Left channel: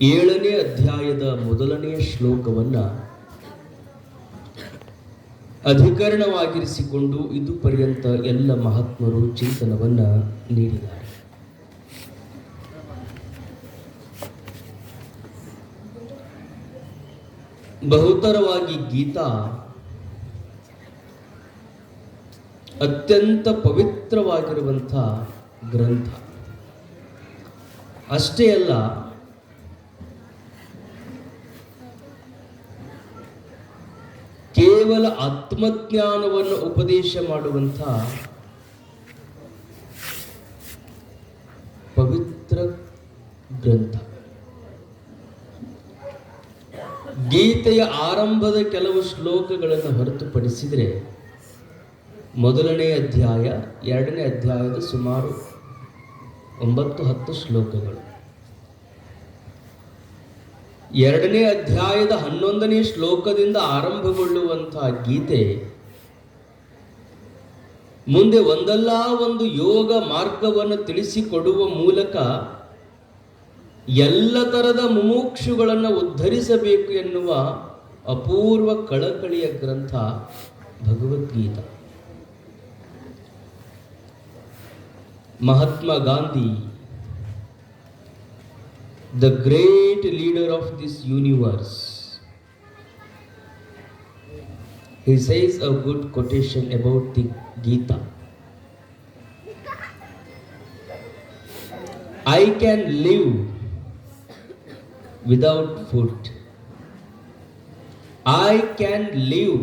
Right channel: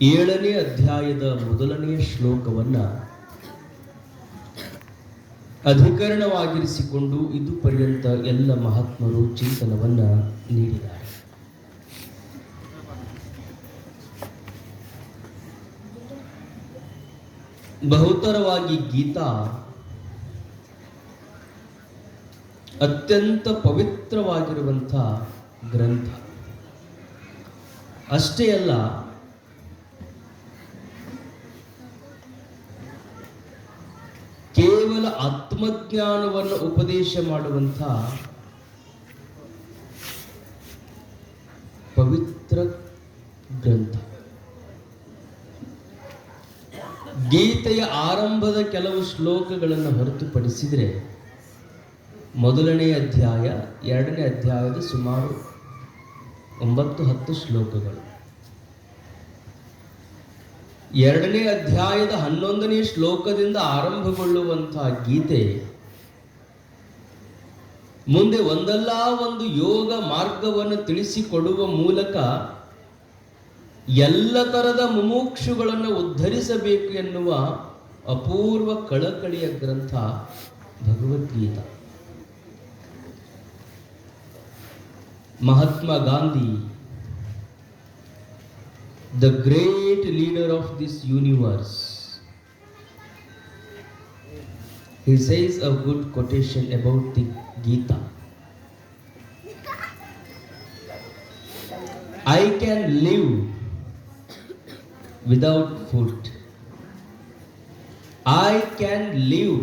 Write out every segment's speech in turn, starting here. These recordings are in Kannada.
7ನೇ ಅಧ್ಯಾಯದ ಮೊದಲನೆಯ ಶ್ಲೋಕವನ್ನು ಅಧಿಕರಣವಾಗಿರಿಸಿಕೊಂಡು ಇದು ಪರ್ಯಂತ ಎಲ್ಲ ಮಹಾತ್ಮರು ಚಿಂತನವನ್ನು ನೀಡಿದ್ದಾರೆ. ಬಹುತರವಾಗಿ ಗೀತಾ ಅತ್ಯಂತ ಪವಿತ್ರವಾಗಿರುವಂಥ ಗ್ರಂಥ. ಅಷ್ಟೇ ಅಲ್ಲ, ಕೇವಲ ಆತ್ಮಜ್ಞಾನವನ್ನು ಉಪದೇಶ ಮಾಡುವಂಥ ಪವಿತ್ರ ಗ್ರಂಥ. ಗೀತೆಯ ಆರಂಭದ ಕೆಲವು ಶ್ಲೋಕಗಳನ್ನು ಹೊರತುಪಡಿಸಿದರೆ ಮೊದಲನೇ ಅಧ್ಯಾಯ, 2ನೇ ಅಧ್ಯಾಯದ ಸುಮಾರು 9-10 ಶ್ಲೋಕಗಳು, 2ನೇ ಅಧ್ಯಾಯದ 11ನೇ ಶ್ಲೋಕದಿಂದ ಆರಂಭಗೊಳ್ಳುವಂತಹ ಗೀತೆ ಮುಂದೆ ಒಂದಲ್ಲ ಒಂದು ಯೋಗ ಮಾರ್ಗವನ್ನು ತಿಳಿಸಿಕೊಡುವ ಮೂಲಕ ಎಲ್ಲ ತರದ ಮುಮುಕ್ಷುಗಳನ್ನು ಉದ್ಧರಿಸಬೇಕು ಎನ್ನುವ ಅಪೂರ್ವ ಕಳಕಳಿಯ ಗ್ರಂಥ Bhagavad Gita. Mahatma Gandhi, the great leader of this universe, he says a good quotation about the Gita. I can live without food. I can live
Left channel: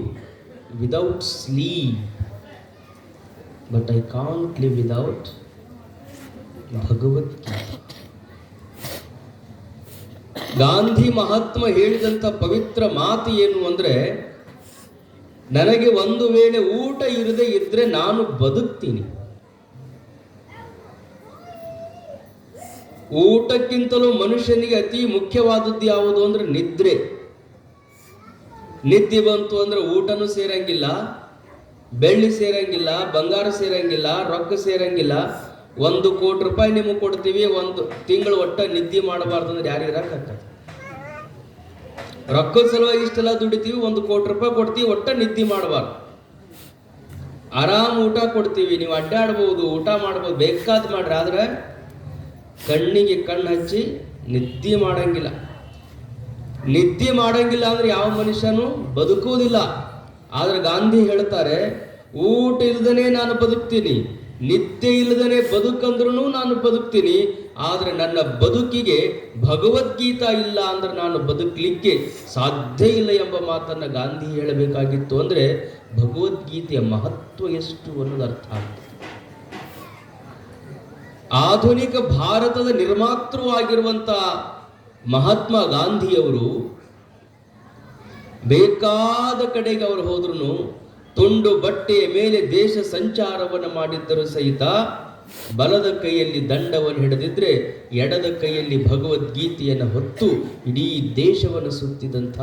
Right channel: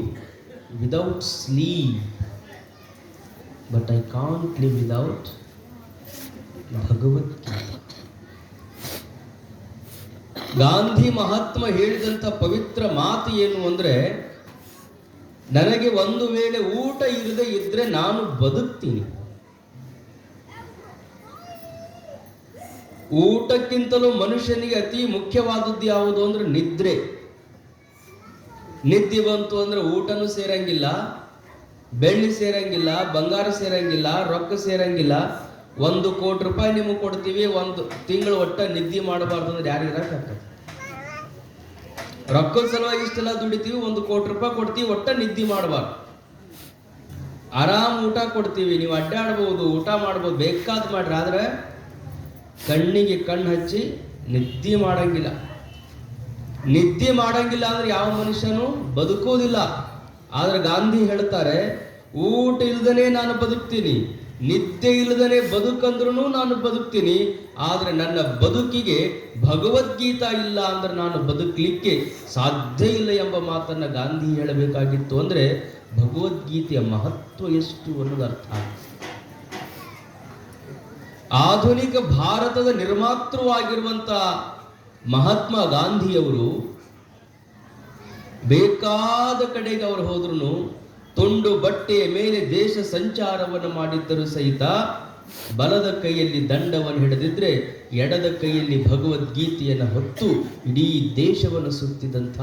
without sleep. But I can't live without Bhagavad Gita. Gandhi Mahatma ಹೇಳಿದಂಥ ಪವಿತ್ರ ಮಾತು ಏನು ಅಂದರೆ, ನನಗೆ ಒಂದು ವೇಳೆ ಊಟ ಇರದೆ ಇದ್ರೆ ನಾನು ಬದುಕ್ತೀನಿ. ಊಟಕ್ಕಿಂತಲೂ ಮನುಷ್ಯನಿಗೆ ಅತಿ ಮುಖ್ಯವಾದದ್ದು ಯಾವುದು ಅಂದ್ರೆ ನಿದ್ರೆ. ನಿದ್ದೆ ಬಂತು ಅಂದ್ರೆ ಊಟನೂ ಸೇರಂಗಿಲ್ಲ, ಬೆಳ್ಳಿ ಸೇರಂಗಿಲ್ಲ, ಬಂಗಾರ ಸೇರಂಗಿಲ್ಲ, ರೊಕ್ಕ ಸೇರಂಗಿಲ್ಲ. 1 ಕೋಟಿ ರೂಪಾಯಿ ನಿಮಗೆ ಕೊಡ್ತೀವಿ, 1 ತಿಂಗಳು ಒಟ್ಟ ನಿದ್ದೆ ಮಾಡಬಾರ್ದು ಅಂದ್ರೆ ಯಾರು ಇರಕ್ಕಾಗ್ತದೆ? ರೊಕ್ಕದ ಸಲುವಾಗಿ ಇಷ್ಟೆಲ್ಲ ದುಡಿತೀವಿ, 1 ಕೋಟಿ ರೂಪಾಯಿ ಕೊಡ್ತೀವಿ, ಒಟ್ಟ ನಿದ್ದೆ ಮಾಡಬಾರ್ದು. ಆರಾಮ್ ಊಟ ಕೊಡ್ತೀವಿ, ನೀವು ಅಡ್ಡಾಡ್ಬೋದು, ಊಟ ಮಾಡ್ಬೋದು, ಬೇಕಾದ್ ಮಾಡ್ರಿ, ಆದ್ರೆ ಕಣ್ಣಿಗೆ ಕಣ್ಣು ಹಚ್ಚಿ ನಿದ್ದೆ ಮಾಡಂಗಿಲ್ಲ. ನಿದ್ದೆ ಮಾಡಂಗಿಲ್ಲ ಅಂದ್ರೆ ಯಾವ ಮನುಷ್ಯನು ಬದುಕುವುದಿಲ್ಲ. ಆದ್ರೆ ಗಾಂಧಿ ಹೇಳ್ತಾರೆ, ಊಟ ಇಲ್ದನೆ ನಾನು ಬದುಕ್ತೀನಿ, ನಿದ್ದೆ ಇಲ್ಲದನೆ ಬದುಕಂದ್ರೂ ನಾನು ಬದುಕ್ತೀನಿ. ಆದ್ರೆ ನನ್ನ ಬದುಕಿಗೆ ಭಗವದ್ಗೀತಾ ಇಲ್ಲ ಅಂದ್ರೆ ನಾನು ಬದುಕಲಿಕ್ಕೆ ಸಾಧ್ಯ ಇಲ್ಲ ಎಂಬ ಮಾತನ್ನ ಗಾಂಧಿ ಹೇಳಬೇಕಾಗಿತ್ತು. ಅಂದ್ರೆ ಭಗವದ್ಗೀತೆಯ ಮಹತ್ವ ಎಷ್ಟು ಅನ್ನೋದು ಅರ್ಥ ಆಗ್ತದೆ. ಆಧುನಿಕ ಭಾರತದ ನಿರ್ಮಾತೃವಾಗಿರುವಂತ ಮಹಾತ್ಮ ಗಾಂಧಿಯವರು ಬೇಕಾದ ಕಡೆಗೆ ಅವರು ಹೋದ್ರು, ತುಂಡು ಬಟ್ಟೆಯ ಮೇಲೆ ದೇಶ ಸಂಚಾರವನ್ನು ಮಾಡಿದ್ದರೂ ಸಹಿತ ಬಲದ ಕೈಯಲ್ಲಿ ದಂಡವನ್ನು ಹಿಡಿದಿದ್ರೆ ಎಡದ ಕೈಯಲ್ಲಿ ಭಗವದ್ಗೀತೆಯನ್ನು ಹೊತ್ತು ಇಡೀ ದೇಶವನ್ನು ಸುತ್ತಿದಂಥ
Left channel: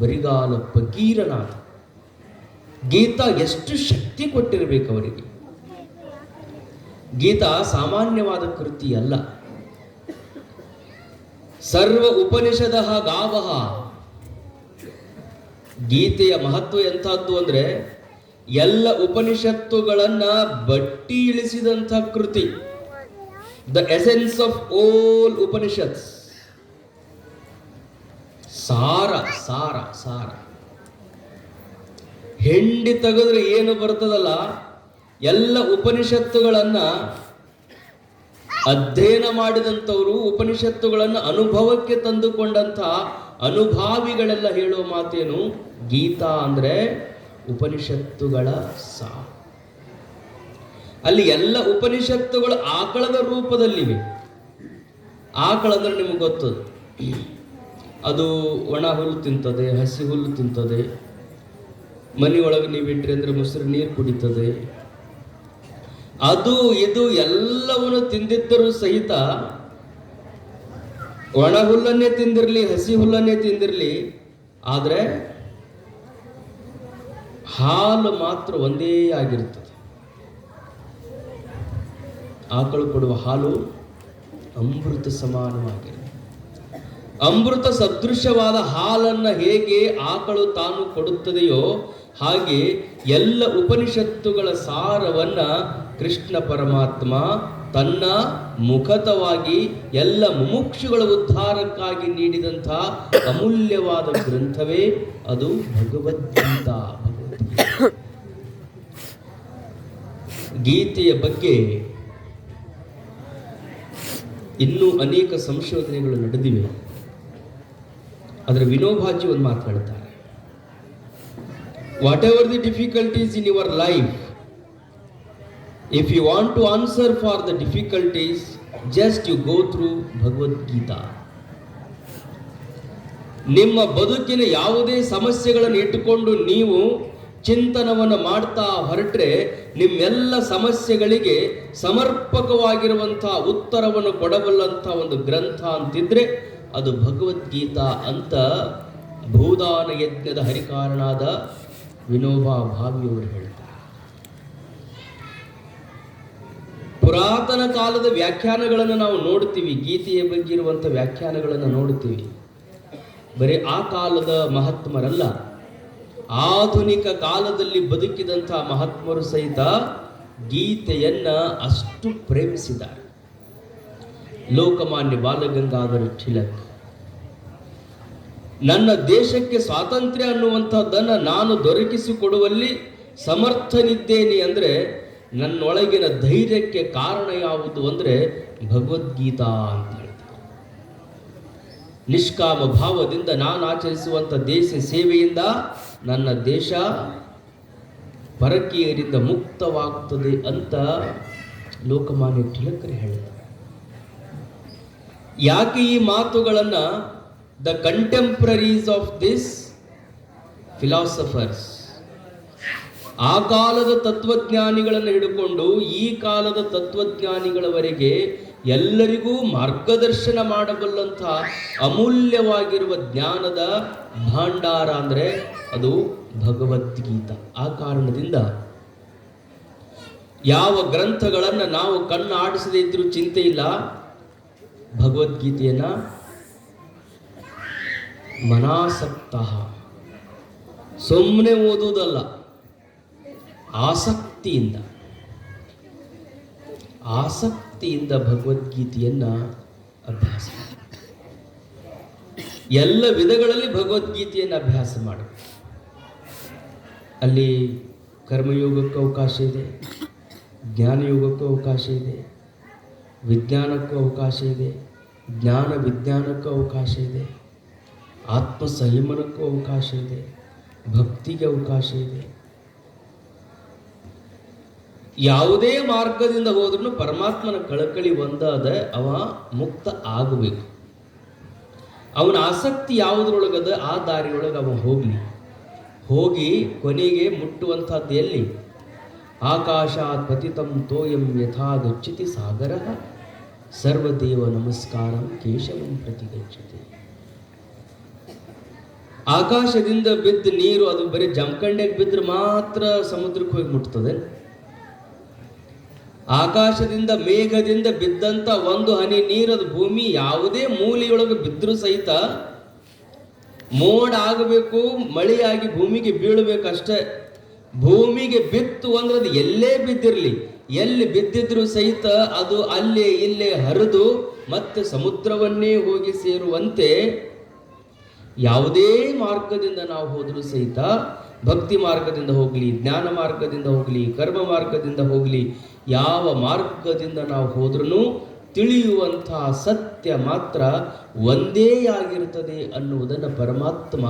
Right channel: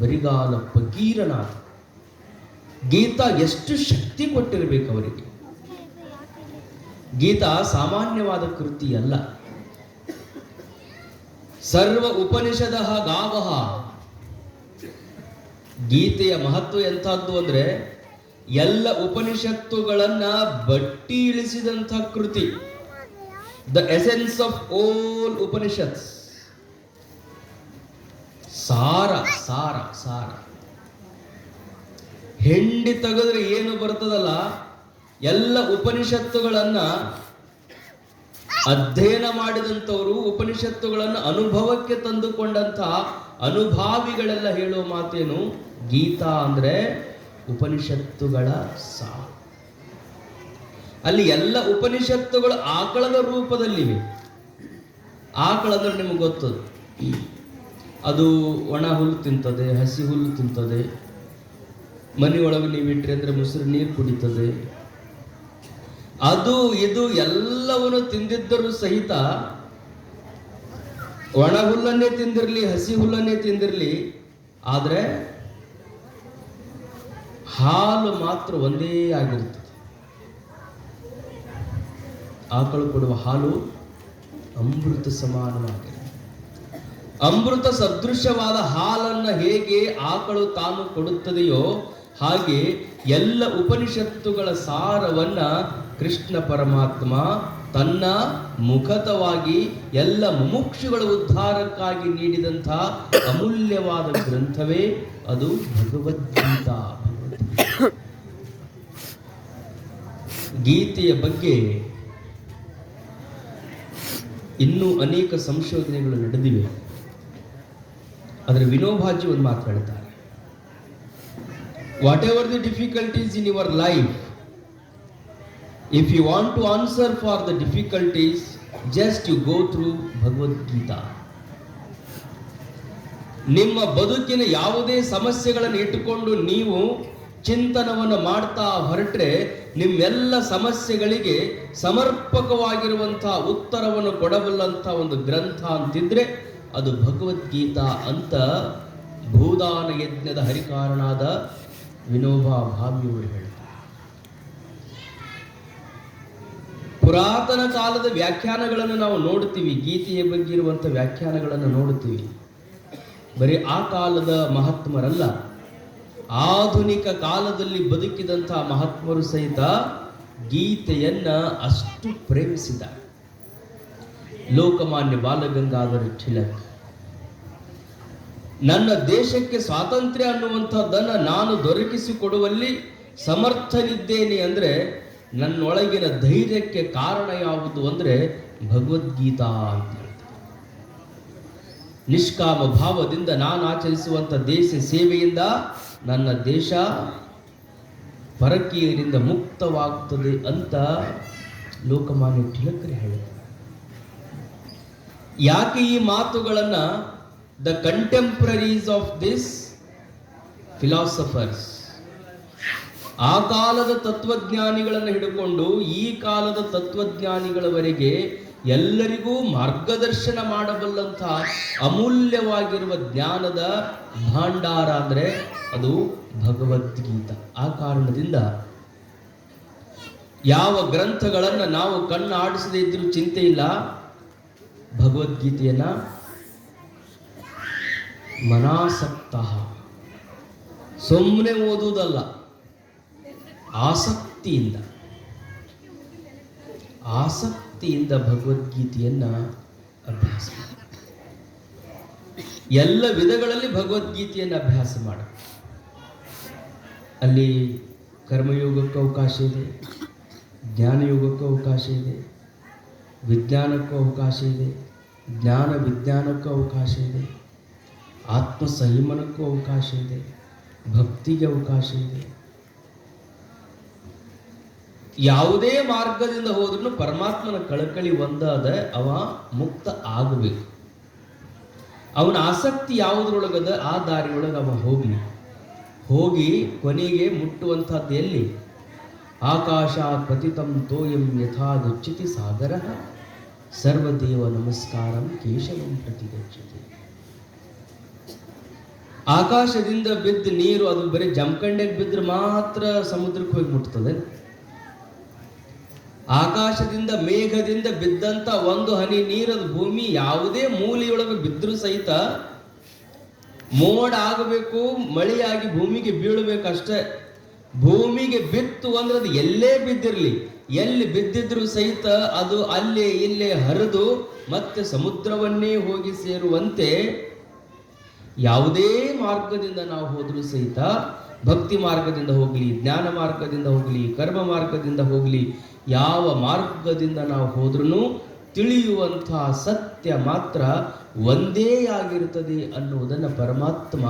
ಬರಿಗಾಲ ಫಕೀರನಾದ. ಗೀತಾ ಎಷ್ಟು ಶಕ್ತಿ ಕೊಟ್ಟಿರಬೇಕು ಅವರಿಗೆ. ಗೀತಾ ಸಾಮಾನ್ಯವಾದ ಕೃತಿ ಅಲ್ಲ. ಸರ್ವ ಉಪನಿಷದಃ ಗಾವಃ. ಗೀತೆಯ ಮಹತ್ವ ಎಂಥದ್ದು ಅಂದ್ರೆ ಎಲ್ಲ ಉಪನಿಷತ್ತುಗಳನ್ನ ಬಟ್ಟಿ ಇಳಿಸಿದಂಥ ಕೃತಿ. The essence of all Upanishads. ಸಾರ ಸಾರ ಸಾರ. ಹೆಂಡಿ ತೆಗೆದ್ರೆ ಏನು ಬರ್ತದಲ್ಲ, ಎಲ್ಲ ಉಪನಿಷತ್ತುಗಳನ್ನ ಅಧ್ಯಯನ ಮಾಡಿದಂಥವರು, ಉಪನಿಷತ್ತುಗಳನ್ನು ಅನುಭವಕ್ಕೆ ತಂದುಕೊಂಡಂಥ ಅನುಭಾವಿಗಳೆಲ್ಲ ಹೇಳುವ ಮಾತೇನು, ಗೀತಾ ಅಂದ್ರೆ ಉಪನಿಷತ್ತುಗಳ ಸಾರ. ಅಲ್ಲಿ ಎಲ್ಲ ಉಪನಿಷತ್ತುಗಳು ಆಕಳದ ರೂಪದಲ್ಲಿವೆ. ಆಕಳ ಅಂದ್ರೆ ನಿಮಗೆ ಗೊತ್ತು, ಅದು ಒಣ ಹುಲ್ಲು ತಿಂತದೆ, ಹಸಿ ಹುಲ್ಲು ತಿಂತದೆ. ಮನೆಯೊಳಗೆ ನೀವು ಇಟ್ರಿ ಅಂದ್ರೆ ಮೊಸರು ನೀರು ಕುಡಿತದೆ. ಅದು ಇದು ಎಲ್ಲವನ್ನು ತಿಂದಿದ್ದರೂ ಸಹಿತ ಒಣ ಹುಲ್ಲನ್ನೇ ತಿಂದಿರಲಿ, ಹಸಿ ಹುಲ್ಲನ್ನೇ ತಿಂದಿರಲಿ, ಆದ್ರೆ ಹಾಲು ಮಾತ್ರ ಒಂದೇ ಆಗಿರ್ತದೆ. ಆಕಳು ಕೊಡುವ ಹಾಲು ಅಮೃತ ಸಮಾನವಾಗಿರುತ್ತೆ. ಅಮೃತ ಸದೃಶವಾದ ಹಾಲನ್ನ ಹೇಗೆ ಆಕಳು ತಾನು ಕೊಡುತ್ತದೆಯೋ ಹಾಗೆ ಎಲ್ಲ ಉಪನಿಷತ್ತುಗಳ ಸಾರವನ್ನ ಕೃಷ್ಣ ಪರಮಾತ್ಮ ತನ್ನ ಮುಖತವಾಗಿ ಎಲ್ಲ ಮುಮುಕ್ಷುಗಳ ಉದ್ಧಾರಕ್ಕಾಗಿ ನೀಡಿದಂತಹ ಅಮೂಲ್ಯವಾದ ಗ್ರಂಥವೇ ಅದು ಭಗವದ್ಗೀತಾ. ಗೀತೆಯ ಬಗ್ಗೆ ಇನ್ನೂ ಅನೇಕ ಸಂಶೋಧನೆಗಳು ನಡೆದಿವೆ. ಅದರ ವಿನೋಬಾಜಿ ಒಂದು ಮಾತು ಹೇಳ್ತಾರೆ, whatever the difficulties in your life, if you want to answer for the difficulties, just you go through Bhagavad Gita. ನಿಮ್ಮ ಬದುಕಿನ ಯಾವುದೇ ಸಮಸ್ಯೆಗಳನ್ನು ಇಟ್ಟುಕೊಂಡು ನೀವು ಚಿಂತನವನ್ನು ಮಾಡ್ತಾ ಹೊರಟ್ರೆ ನಿಮ್ಮೆಲ್ಲ ಸಮಸ್ಯೆಗಳಿಗೆ ಸಮರ್ಪಕವಾಗಿರುವಂತಹ ಉತ್ತರವನ್ನು ಕೊಡಬಲ್ಲಂತಹ ಒಂದು ಗ್ರಂಥ ಅಂತಿದ್ರೆ ಅದು ಭಗವದ್ಗೀತಾ ಅಂತ ಭೂದಾನ ಯಜ್ಞದ ಹರಿಕಾರನಾದ ವಿನೋಬಾ ಭಾವೆಯವರು ಹೇಳ್ತಾರೆ. ಪುರಾತನ ಕಾಲದ ವ್ಯಾಖ್ಯಾನಗಳನ್ನು ನಾವು ನೋಡ್ತೀವಿ, ಗೀತೆಯ ಬಗ್ಗೆ ಇರುವಂಥ ವ್ಯಾಖ್ಯಾನಗಳನ್ನು ನೋಡ್ತೀವಿ. ಬರೀ ಆ ಕಾಲದ ಮಹಾತ್ಮರಲ್ಲ, ಆಧುನಿಕ ಕಾಲದಲ್ಲಿ ಬದುಕಿದಂತಹ ಮಹಾತ್ಮರು ಸಹಿತ ಗೀತೆಯನ್ನ ಅಷ್ಟು ಪ್ರೇಮಿಸಿದ್ದಾರೆ. ಲೋಕಮಾನ್ಯ ಬಾಲಗಂಗಾಧರ ತಿಲಕ್, ನನ್ನ ದೇಶಕ್ಕೆ ಸ್ವಾತಂತ್ರ್ಯ ಅನ್ನುವಂಥದ್ದನ್ನು ನಾನು ದೊರಕಿಸಿಕೊಡುವಲ್ಲಿ ಸಮರ್ಥನಿದ್ದೇನೆ ಅಂದರೆ ನನ್ನೊಳಗಿನ ಧೈರ್ಯಕ್ಕೆ ಕಾರಣ ಯಾವುದು ಅಂದರೆ ಭಗವದ್ಗೀತಾ ಅಂತ ಹೇಳ್ತಾರೆ. ನಿಷ್ಕಾಮ ಭಾವದಿಂದ ನಾನು ಆಚರಿಸುವಂಥ ದೇಶ ಸೇವೆಯಿಂದ ನನ್ನ ದೇಶ ಪರಕೀಯರಿಂದ ಮುಕ್ತವಾಗುತ್ತದೆ ಅಂತ ಲೋಕಮಾನ್ಯ ತಿಲಕರು ಹೇಳಿದ್ದಾರೆ. ಯಾಕೆ ಈ ಮಾತುಗಳನ್ನು ದ ಕಂಟೆಂಪ್ರರೀಸ್ ಆಫ್ ದಿಸ್ ಫಿಲಾಸಫರ್ಸ್, ಆ ಕಾಲದ ತತ್ವಜ್ಞಾನಿಗಳನ್ನು ಹಿಡಿಕೊಂಡು ಈ ಕಾಲದ ತತ್ವಜ್ಞಾನಿಗಳವರೆಗೆ ಎಲ್ಲರಿಗೂ ಮಾರ್ಗದರ್ಶನ ಮಾಡಬಲ್ಲಂಥ ಅಮೂಲ್ಯವಾಗಿರುವ ಜ್ಞಾನದ ಭಾಂಡಾರ ಅಂದರೆ ಅದು ಭಗವದ್ಗೀತಾ. ಆ ಕಾರಣದಿಂದ ಯಾವ ಗ್ರಂಥಗಳನ್ನು ನಾವು ಕಣ್ಣು ಆಡಿಸದೇ ಇದ್ರೂ ಚಿಂತೆ ಇಲ್ಲ, ಭಗವದ್ಗೀತೆಯನ್ನ ಮನಾಸಕ್ತ, ಸುಮ್ಮನೆ ಓದುವುದಲ್ಲ, ಆಸಕ್ತಿಯಿಂದ ಭಗವದ್ಗೀತೆಯನ್ನ ಅಭ್ಯಾಸ ಮಾಡಿ. ಎಲ್ಲ ವಿಧಗಳಲ್ಲಿ ಭಗವದ್ಗೀತೆಯನ್ನು ಅಭ್ಯಾಸ ಮಾಡಿ. ಅಲ್ಲಿ ಕರ್ಮಯೋಗಕ್ಕೂ ಅವಕಾಶ ಇದೆ, ಜ್ಞಾನಯೋಗಕ್ಕೂ ಅವಕಾಶ ಇದೆ, ವಿಜ್ಞಾನಕ್ಕೂ ಅವಕಾಶ ಇದೆ, ಜ್ಞಾನ ವಿಜ್ಞಾನಕ್ಕೂ ಅವಕಾಶ ಇದೆ, ಆತ್ಮ ಸಂಯಮನಕ್ಕೂ ಅವಕಾಶ ಇದೆ, ಭಕ್ತಿಗೆ ಅವಕಾಶ ಇದೆ. ಯಾವುದೇ ಮಾರ್ಗದಿಂದ ಹೋದ್ರೂ ಪರಮಾತ್ಮನ ಕಳಕಳಿ ಒಂದಾದ ಅವ ಮುಕ್ತ ಆಗಬೇಕು. ಅವನ ಆಸಕ್ತಿ ಯಾವುದ್ರೊಳಗದ ಆ ದಾರಿಯೊಳಗೆ ಅವ ಹೋಗಿ ಕೊನೆಗೆ ಮುಟ್ಟುವಂಥದ್ದು ಎಲ್ಲಿ? ಆಕಾಶಾತ್ ಪತಿತಂ ತೋಯಂ ಯಥಾ ಗಚ್ಚತಿ ಸಾಗರ ಸರ್ವದೇವ ನಮಸ್ಕಾರಂ ಕೇಶವಂ ಪ್ರತಿಗಚ್ಚತಿ. ಆಕಾಶದಿಂದ ಬಿದ್ದ ನೀರು ಅದು ಬರೀ ಜಮಖಂಡಿಗೆ ಬಿದ್ದರೆ ಮಾತ್ರ ಸಮುದ್ರಕ್ಕೆ ಹೋಗಿ ಮುಟ್ತದೆ. ಆಕಾಶದಿಂದ ಮೇಘದಿಂದ ಬಿದ್ದಂತ ಒಂದು ಹನಿ ನೀರು ಅದು ಭೂಮಿ ಯಾವುದೇ ಮೂಲೆಯೊಳಗೆ ಬಿದ್ದರೂ ಸಹಿತ ಮೋಡ ಆಗಬೇಕು, ಮಳೆಯಾಗಿ ಭೂಮಿಗೆ ಬೀಳಬೇಕಷ್ಟೇ. ಭೂಮಿಗೆ ಬಿತ್ತು ಅಂದ್ರೆ ಅದು ಎಲ್ಲೇ ಬಿದ್ದಿರಲಿ, ಎಲ್ಲಿ ಬಿದ್ದಿದ್ರು ಸಹಿತ ಅದು ಅಲ್ಲೇ ಇಲ್ಲೇ ಹರಿದು ಮತ್ತೆ ಸಮುದ್ರವನ್ನೇ ಹೋಗಿ ಸೇರುವಂತೆ ಯಾವುದೇ ಮಾರ್ಗದಿಂದ ನಾವು ಹೋದರೂ ಸಹಿತ, ಭಕ್ತಿ ಮಾರ್ಗದಿಂದ ಹೋಗಲಿ, ಜ್ಞಾನ ಮಾರ್ಗದಿಂದ ಹೋಗಲಿ, ಕರ್ಮ ಮಾರ್ಗದಿಂದ ಹೋಗಲಿ, ಯಾವ ಮಾರ್ಗದಿಂದ ನಾವು ಹೋದ್ರೂ ತಿಳಿಯುವಂತಹ ಸತ್ಯ ಮಾತ್ರ ಒಂದೇ ಆಗಿರುತ್ತದೆ ಅನ್ನುವುದನ್ನು ಪರಮಾತ್ಮ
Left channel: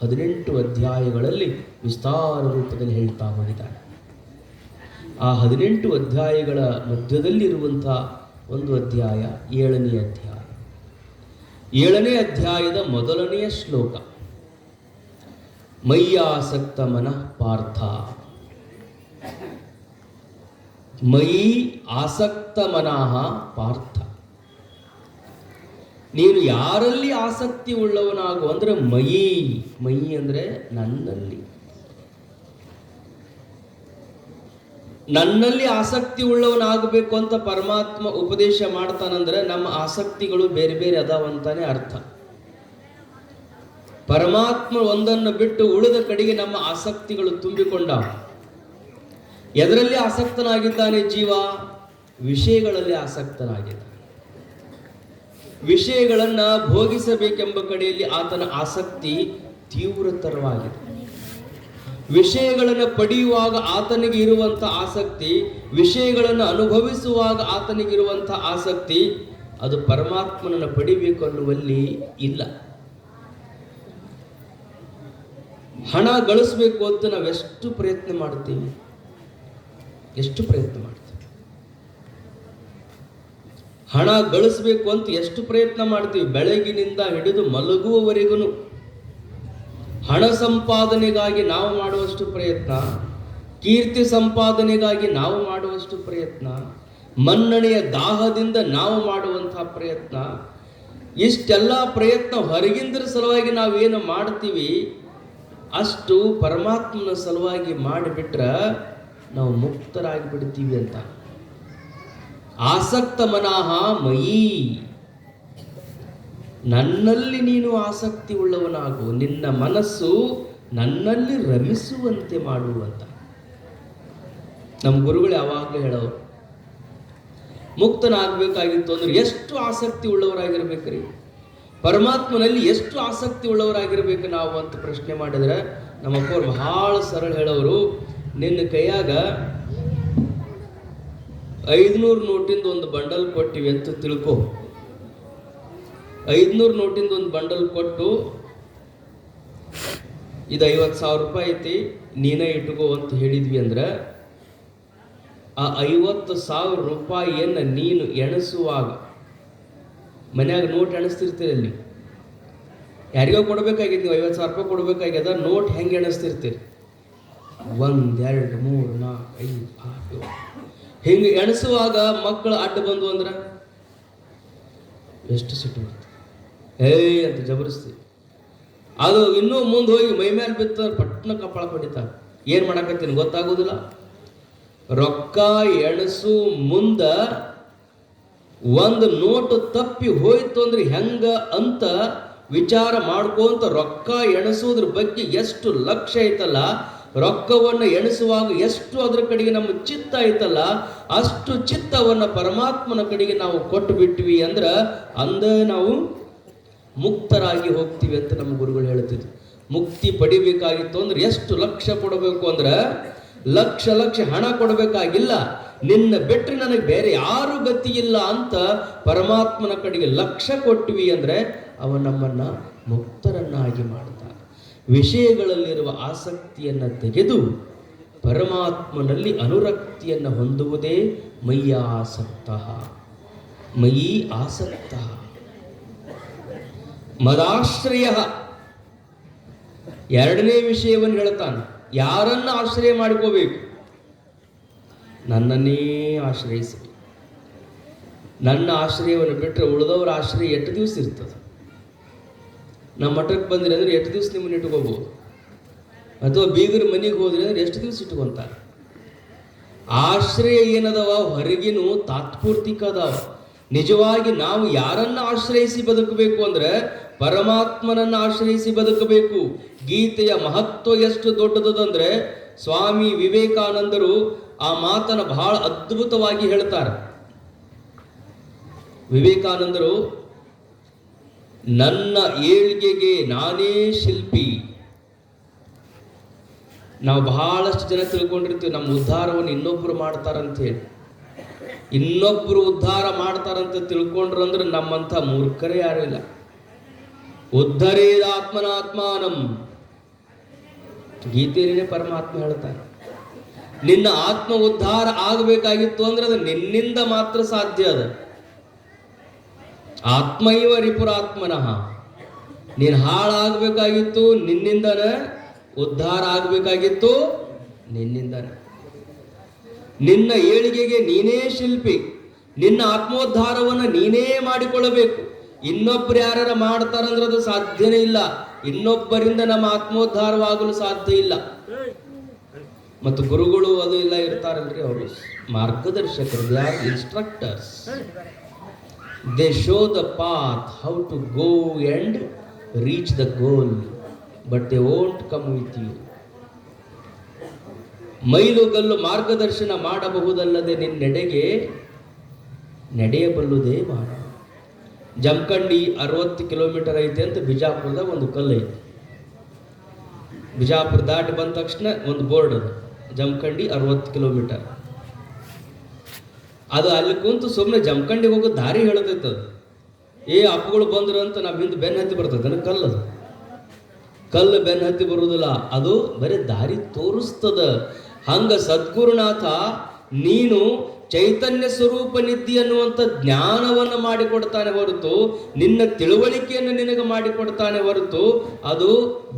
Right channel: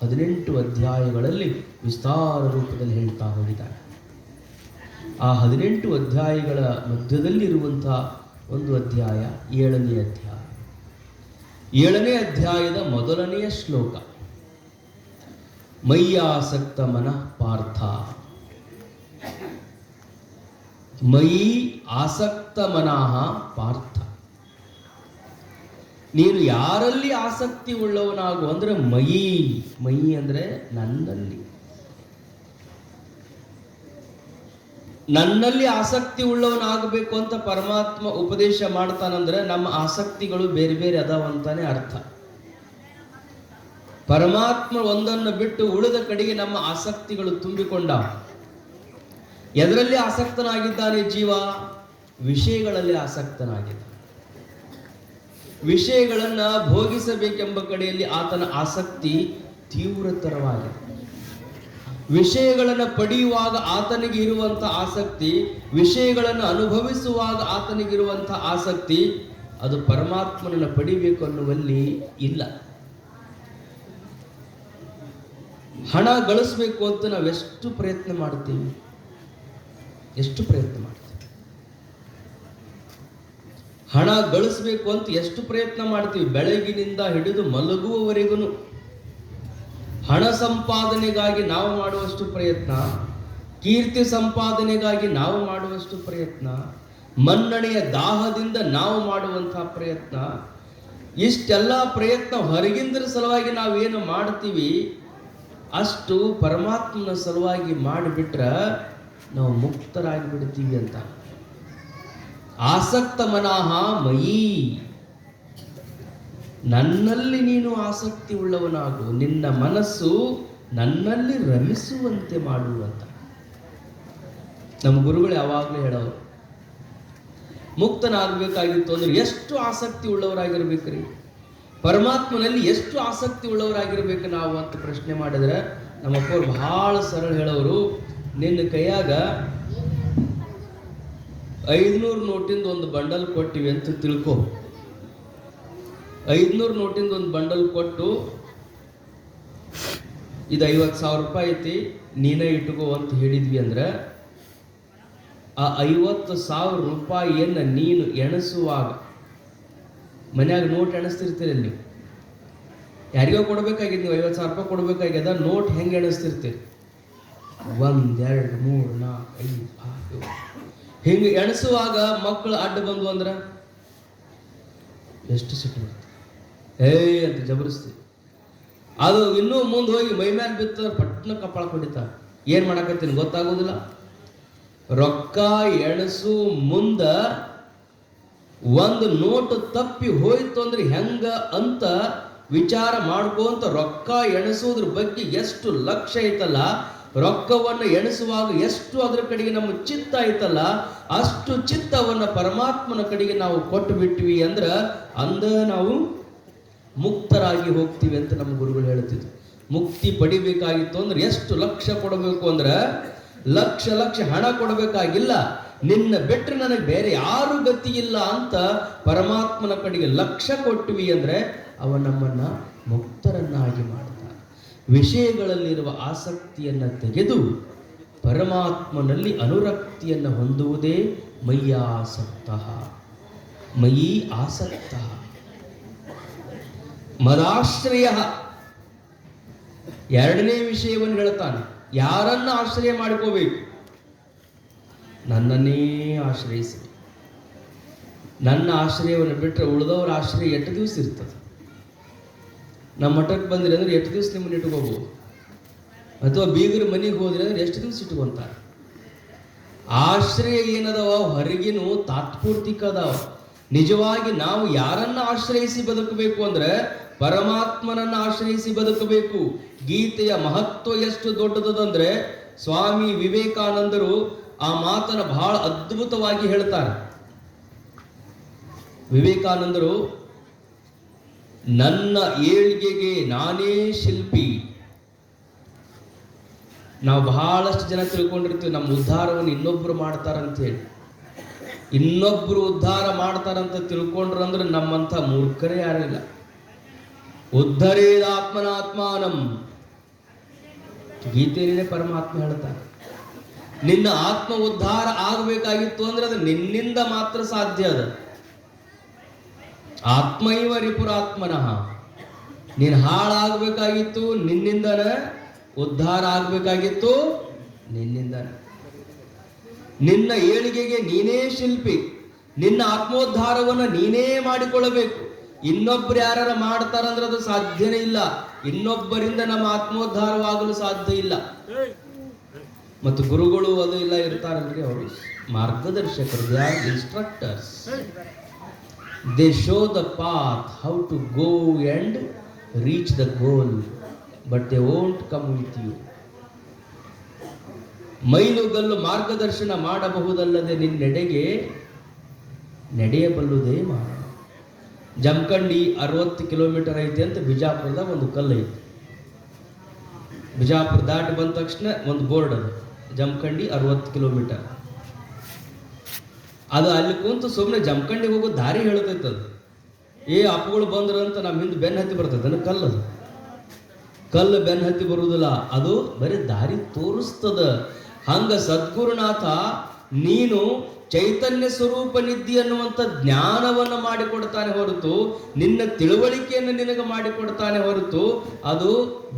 18 ಅಧ್ಯಾಯಗಳಲ್ಲಿ ವಿಸ್ತಾರ ರೂಪದಲ್ಲಿ ಹೇಳ್ತಾ ಹೋಗಿದ್ದಾನೆ. ಆ 18 ಅಧ್ಯಾಯಗಳ ಮಧ್ಯದಲ್ಲಿರುವಂತಹ ಒಂದು ಅಧ್ಯಾಯ 7ನೇ ಅಧ್ಯಾಯ. 7ನೇ ಅಧ್ಯಾಯದ ಮೊದಲನೆಯ ಶ್ಲೋಕ, ಮಯ್ಯಾಸಕ್ತ ಮನಃ ಪಾರ್ಥ, ಮಯಿ ಆಸಕ್ತ ಮನಃ ಪಾರ್ಥ. ನೀನು ಯಾರಲ್ಲಿ ಆಸಕ್ತಿ ಉಳ್ಳವನಾಗು ಅಂದ್ರೆ ಮಯಿ ಅಂದ್ರೆ ನನ್ನಲ್ಲಿ ಆಸಕ್ತಿ ಉಳ್ಳವನಾಗಬೇಕು ಅಂತ ಪರಮಾತ್ಮ ಉಪದೇಶ ಮಾಡ್ತಾನಂದ್ರೆ ನಮ್ಮ ಆಸಕ್ತಿಗಳು ಬೇರೆ ಬೇರೆ ಅದಾವಂತಾನೆ ಅರ್ಥ. ಪರಮಾತ್ಮ ಒಂದನ್ನು ಬಿಟ್ಟು ಉಳಿದ ಕಡೆಗೆ ನಮ್ಮ ಆಸಕ್ತಿಗಳು ತುಂಬಿಕೊಂಡ. ಎದರಲ್ಲಿ ಆಸಕ್ತನಾಗಿದ್ದಾನೆ ಜೀವ? ವಿಷಯಗಳಲ್ಲಿ ಆಸಕ್ತನಾಗಿದ್ದಾನೆ. ವಿಷಯಗಳನ್ನ ಭೋಗಿಸಬೇಕೆಂಬ ಕಡೆಯಲ್ಲಿ ಆತನ ಆಸಕ್ತಿ ತೀವ್ರತರವಾಗಿದೆ. ವಿಷಯಗಳನ್ನು ಪಡೆಯುವಾಗ ಆತನಿಗೆ ಇರುವಂತಹ ಆಸಕ್ತಿ, ವಿಷಯಗಳನ್ನು ಅನುಭವಿಸುವಾಗ ಆತನಿಗಿರುವಂತಹ ಆಸಕ್ತಿ, ಅದು ಪರಮಾತ್ಮನನ್ನು ಪಡಿಬೇಕು ಅನ್ನುವಲ್ಲಿ ಇಲ್ಲ. ಹಣ ಗಳಿಸ್ಬೇಕು ಅಂತ ನಾವೆಷ್ಟು ಪ್ರಯತ್ನ ಮಾಡ್ತೀವಿ, ಎಷ್ಟು ಪ್ರಯತ್ನ ಮಾಡ್ತೀವಿ. ಹಣ ಗಳಿಸ್ಬೇಕು ಅಂತ ಎಷ್ಟು ಪ್ರಯತ್ನ ಮಾಡ್ತೀವಿ. ಬೆಳಗಿನಿಂದ ಹಿಡಿದು ಮಲಗುವವರೆಗೂ ಹಣ ಸಂಪಾದನೆಗಾಗಿ ನಾವು ಮಾಡುವಷ್ಟು ಪ್ರಯತ್ನ, ಕೀರ್ತಿ ಸಂಪಾದನೆಗಾಗಿ ನಾವು ಮಾಡುವಷ್ಟು ಪ್ರಯತ್ನ, ಮನ್ನಣೆಯ ದಾಹದಿಂದ ನಾವು ಮಾಡುವಂತಹ ಪ್ರಯತ್ನ, ಇಷ್ಟೆಲ್ಲ ಪ್ರಯತ್ನ ಹೊರಗಿಂದರ ಸಲುವಾಗಿ ನಾವೇನು ಮಾಡ್ತೀವಿ, ಅಷ್ಟು ಪರಮಾತ್ಮನ ಸಲುವಾಗಿ ಮಾಡಿಬಿಟ್ರೆ ನಾವು ಮುಕ್ತರಾಗಿ ಬಿಡ್ತೀವಿ ಅಂತ. ಆಸಕ್ತ ಮನಃ ಮಯಿ, ನನ್ನಲ್ಲಿ ನೀನು ಆಸಕ್ತಿ ಉಳ್ಳವನಾಗು, ನಿನ್ನ ಮನಸ್ಸು ನನ್ನಲ್ಲಿ ರಮಿಸುವಂತೆ ಮಾಡುವಂತ. ನಮ್ಮ ಗುರುಗಳು ಯಾವಾಗಲೂ ಹೇಳೋರು, ಮುಕ್ತನಾಗಬೇಕಾಗಿತ್ತು ಅಂದ್ರೆ ಎಷ್ಟು ಆಸಕ್ತಿ ಉಳ್ಳವರಾಗಿರ್ಬೇಕ್ರಿ, ಪರಮಾತ್ಮನಲ್ಲಿ ಎಷ್ಟು ಆಸಕ್ತಿ ಉಳ್ಳವರಾಗಿರ್ಬೇಕು ನಾವು ಅಂತ ಪ್ರಶ್ನೆ ಮಾಡಿದ್ರೆ ನಮ್ಮಪ್ಪವ್ರು ಬಹಳ ಸರಳ ಹೇಳೋರು, ನಿನ್ನ ಕೈಯಾಗ 500 ನೋಟಿಂದ ಒಂದು ಬಂಡಲ್ ಕೊಟ್ಟಿವಿ ಅಂತ ತಿಳ್ಕೊ. 500 ನೋಟಿಂದ ಒಂದು ಬಂಡಲ್ ಕೊಟ್ಟು ಇದು 50,000 ರೂಪಾಯಿ ಐತಿ, ನೀನೇ ಇಟ್ಕೋ ಅಂತ ಹೇಳಿದ್ವಿ ಅಂದ್ರೆ ಆ 50,000 ರೂಪಾಯಿಯನ್ನ ನೀನು ಎಣಿಸುವಾಗ, ಮನ್ಯಾಗ ನೋಟ್ ಎಣಿಸ್ತಿರ್ತೀರಿ, ಅಲ್ಲಿ ಯಾರಿಗೋ ಕೊಡ್ಬೇಕಾಗಿದೆ, ನೀವು 50,000 ರೂಪಾಯಿ ಕೊಡ್ಬೇಕಾಗ್ಯದ, ನೋಟ್ ಹೆಂಗೆ ಎಣಿಸ್ತಿರ್ತೀರಿ? 1 2 3 4 5 6 7 ಹಿಂಗೆ ಎಣಿಸುವಾಗ ಮಕ್ಕಳು ಅಡ್ಡ ಬಂದು ಅಂದ್ರೆ ಎಷ್ಟು ಸಿಟ್ಟು ಬರ್ತದೆ, ಅಂತ ಜಬರಿಸ್ತೀವಿ. ಅದು ಇನ್ನೂ ಮುಂದೆ ಹೋಗಿ ಮೈ ಮೇಲೆ ಬಿತ್ತ ಪಟ್ನ ಕಪಾಳ ಹೊಡಿತಾರೆ. ಏನ್ ಮಾಡಕತ್ತೀನಿ ಗೊತ್ತಾಗೋದಿಲ್ಲ. ರೊಕ್ಕ ಎಣಸು ಮುಂದ ಒಂದು ನೋಟ್ ತಪ್ಪಿ ಹೋಯ್ತು ಅಂದ್ರೆ ಹೆಂಗ ಅಂತ ವಿಚಾರ ಮಾಡ್ಕೊಂತ ರೊಕ್ಕ ಎಣಿಸೋದ್ರ ಬಗ್ಗೆ ಎಷ್ಟು ಲಕ್ಷ್ಯ ಐತಲ್ಲ, ರೊಕ್ಕವನ್ನು ಎಣಿಸುವಾಗ ಎಷ್ಟು ಅದರ ಕಡೆಗೆ ನಮ್ಮ ಚಿತ್ತ ಐತಲ್ಲ, ಅಷ್ಟು ಚಿತ್ತವನ್ನ ಪರಮಾತ್ಮನ ಕಡೆಗೆ ನಾವು ಕೊಟ್ಟು ಬಿಟ್ವಿ ಅಂದ್ರ ಅಂದ ನಾವು ಮುಕ್ತರಾಗಿ ಹೋಗ್ತೀವಿ ಅಂತ ನಮ್ಮ ಗುರುಗಳು ಹೇಳ್ತಿದ್ರು. ಮುಕ್ತಿ ಪಡಿಬೇಕಾಗಿತ್ತು ಅಂದ್ರೆ ಎಷ್ಟು ಲಕ್ಷ ಕೊಡಬೇಕು ಅಂದ್ರೆ ಲಕ್ಷ ಹಣ ಕೊಡಬೇಕಾಗಿಲ್ಲ, ನಿನ್ನ ಬಿಟ್ಟರೆ ನನಗೆ ಬೇರೆ ಯಾರು ಗತಿ ಇಲ್ಲ ಅಂತ ಪರಮಾತ್ಮನ ಕಡೆಗೆ ಲಕ್ಷ್ಯ ಕೊಟ್ವಿ ಅಂದ್ರೆ ಅವ ನಮ್ಮನ್ನ ಮುಕ್ತರನ್ನಾಗಿ ಮಾಡ್ತಾನೆ. ವಿಷಯಗಳಲ್ಲಿರುವ ಆಸಕ್ತಿಯನ್ನ ತೆಗೆದು ಪರಮಾತ್ಮನಲ್ಲಿ ಅನುರಕ್ತಿಯನ್ನು ಹೊಂದುವುದೇ ಮಯ್ಯಾಸಕ್ತ, ಮಯಿ ಆಸಕ್ತ. ಮದಾಶ್ರಯ, ಎರಡನೇ ವಿಷಯವನ್ನು ಹೇಳ್ತಾನೆ. ಯಾರನ್ನ ಆಶ್ರಯ ಮಾಡ್ಕೋಬೇಕು? ನನ್ನನ್ನೇ ಆಶ್ರಯಿಸಿ. ನನ್ನ ಆಶ್ರಯವನ್ನು ಬಿಟ್ಟರೆ ಉಳಿದವರ ಆಶ್ರಯ ಎಷ್ಟು ದಿವಸ ಇರ್ತದೆ? ನಮ್ಮ ಮಠಕ್ಕೆ ಬಂದ್ರಿ ಅಂದ್ರೆ ಎಷ್ಟು ದಿವಸ ನಿಮ್ಮನ್ನ ಇಟ್ಕೋಬಹುದು, ಅಥವಾ ಬೀಗರ ಮನೆಗೆ ಹೋದ್ರಿ ಅಂದ್ರೆ ಎಷ್ಟು ದಿವಸ ಇಟ್ಕೊಂತಾರೆ. ಆಶ್ರಯ ಏನದವ ಹೊರಗಿನ ತಾತ್ಪೂರ್ತಿಕ ಅದಾವ. ನಿಜವಾಗಿ ನಾವು ಯಾರನ್ನ ಆಶ್ರಯಿಸಿ ಬದುಕಬೇಕು ಅಂದ್ರೆ ಪರಮಾತ್ಮನನ್ನ ಆಶ್ರಯಿಸಿ ಬದುಕಬೇಕು. ಗೀತೆಯ ಮಹತ್ವ ಎಷ್ಟು ದೊಡ್ಡದಂದ್ರೆ ಸ್ವಾಮಿ ವಿವೇಕಾನಂದರು ಆ ಮಾತನ್ನು ಬಹಳ ಅದ್ಭುತವಾಗಿ ಹೇಳ್ತಾರೆ. ವಿವೇಕಾನಂದರು, ನನ್ನ ಏಳಿಗೆಗೆ ನಾನೇ ಶಿಲ್ಪಿ. ನಾವು ಬಹಳಷ್ಟು ಜನ ತಿಳ್ಕೊಂಡಿರ್ತೀವಿ ನಮ್ಮ ಉದ್ಧಾರವನ್ನು ಇನ್ನೊಬ್ರು ಮಾಡ್ತಾರಂತ ಹೇಳಿ. ಇನ್ನೊಬ್ರು ಉದ್ಧಾರ ಮಾಡ್ತಾರಂತ ತಿಳ್ಕೊಂಡ್ರಂದ್ರೆ ನಮ್ಮಂತ ಮೂರ್ಖರೇ ಯಾರಿಲ್ಲ. ಉದ್ಧರೇದ ಆತ್ಮನಾತ್ಮಾನಂ, ಗೀತೆಯಲ್ಲೇ ಪರಮಾತ್ಮ ಹೇಳ್ತಾರೆ. ನಿನ್ನ ಆತ್ಮ ಉದ್ಧಾರ ಆಗಬೇಕಾಗಿತ್ತು ಅಂದ್ರೆ ಅದು ನಿನ್ನಿಂದ ಮಾತ್ರ ಸಾಧ್ಯ. ಅದ ಆತ್ಮೈವ ರಿಪುರಾತ್ಮನಃ. ನೀನು ಹಾಳಾಗಬೇಕಾಗಿತ್ತು ನಿನ್ನಿಂದನ, ಉದ್ಧಾರ ಆಗಬೇಕಾಗಿತ್ತು ನಿನ್ನಿಂದನ. ನಿನ್ನ ಏಳಿಗೆಗೆ ನೀನೇ ಶಿಲ್ಪಿ. ನಿನ್ನ ಆತ್ಮೋದ್ಧಾರವನ್ನು ನೀನೇ ಮಾಡಿಕೊಳ್ಳಬೇಕು. ಇನ್ನೊಬ್ರು ಯಾರು ಮಾಡ್ತಾರಂದ್ರೆ ಅದು ಸಾಧ್ಯನೇ ಇಲ್ಲ. ಇನ್ನೊಬ್ಬರಿಂದ ನಮ್ಮ ಆತ್ಮೋದ್ಧಾರವಾಗಲು ಸಾಧ್ಯ ಇಲ್ಲ. ಮತ್ತು ಗುರುಗಳು ಅದು ಇಲ್ಲ ಇರ್ತಾರಲ್ರಿ, ಅವರು ಮಾರ್ಗದರ್ಶಕರು, they are instructors. They show the path how to go and reach the goal. But they won't come with you. ಮೈಲುಗಲ್ಲು ಮಾರ್ಗದರ್ಶನ ಮಾಡಬಹುದಲ್ಲದೆ ನಿನ್ನೆಡೆಗೆ ನಡೆಯಬಲ್ಲುದೇ ಮಾನವ. ಜಮಖಂಡಿ 60 ಕಿಲೋಮೀಟರ್ ಐತೆ ಅಂತ ಬಿಜಾಪುರದಾಗ ಒಂದು ಕಲ್ಲು ಐತೆ. ಬಿಜಾಪುರ ದಾಟಿ ಬಂದ ತಕ್ಷಣ ಒಂದು ಬೋರ್ಡ್ ಅದು, ಜಮಖಂಡಿ 60 ಕಿಲೋಮೀಟರ್. ಅದು ಅಲ್ಲಿ ಕುಂತು ಸುಮ್ಮನೆ ಜಮಖಂಡಿಗೆ ಹೋಗೋ ದಾರಿ ಹೇಳ್ತೈತದ. ಅಪ್ಪಗಳು ಬಂದ್ರು ಅಂತ ನಮ್ಮ ಹಿಂದೆ ಬೆನ್ನ ಹತ್ತಿ ಬರ್ತದೆ. ಕಲ್ಲು ಬೆನ್ನ ಹತ್ತಿ ಬರುವುದಿಲ್ಲ, ಅದು ಬರೀ ದಾರಿ ತೋರಿಸ್ತದ. ಹಂಗ ಸದ್ಗುರುನಾಥ ನೀನು ಚೈತನ್ಯ ಸ್ವರೂಪನಿದ್ದಿ ಅನ್ನುವಂಥ ಜ್ಞಾನವನ್ನು ಮಾಡಿಕೊಡ್ತಾನೆ ಹೊರತು, ನಿನ್ನ ತಿಳುವಳಿಕೆಯನ್ನು ನಿನಗೆ ಮಾಡಿಕೊಡ್ತಾನೆ ಹೊರತು, ಅದು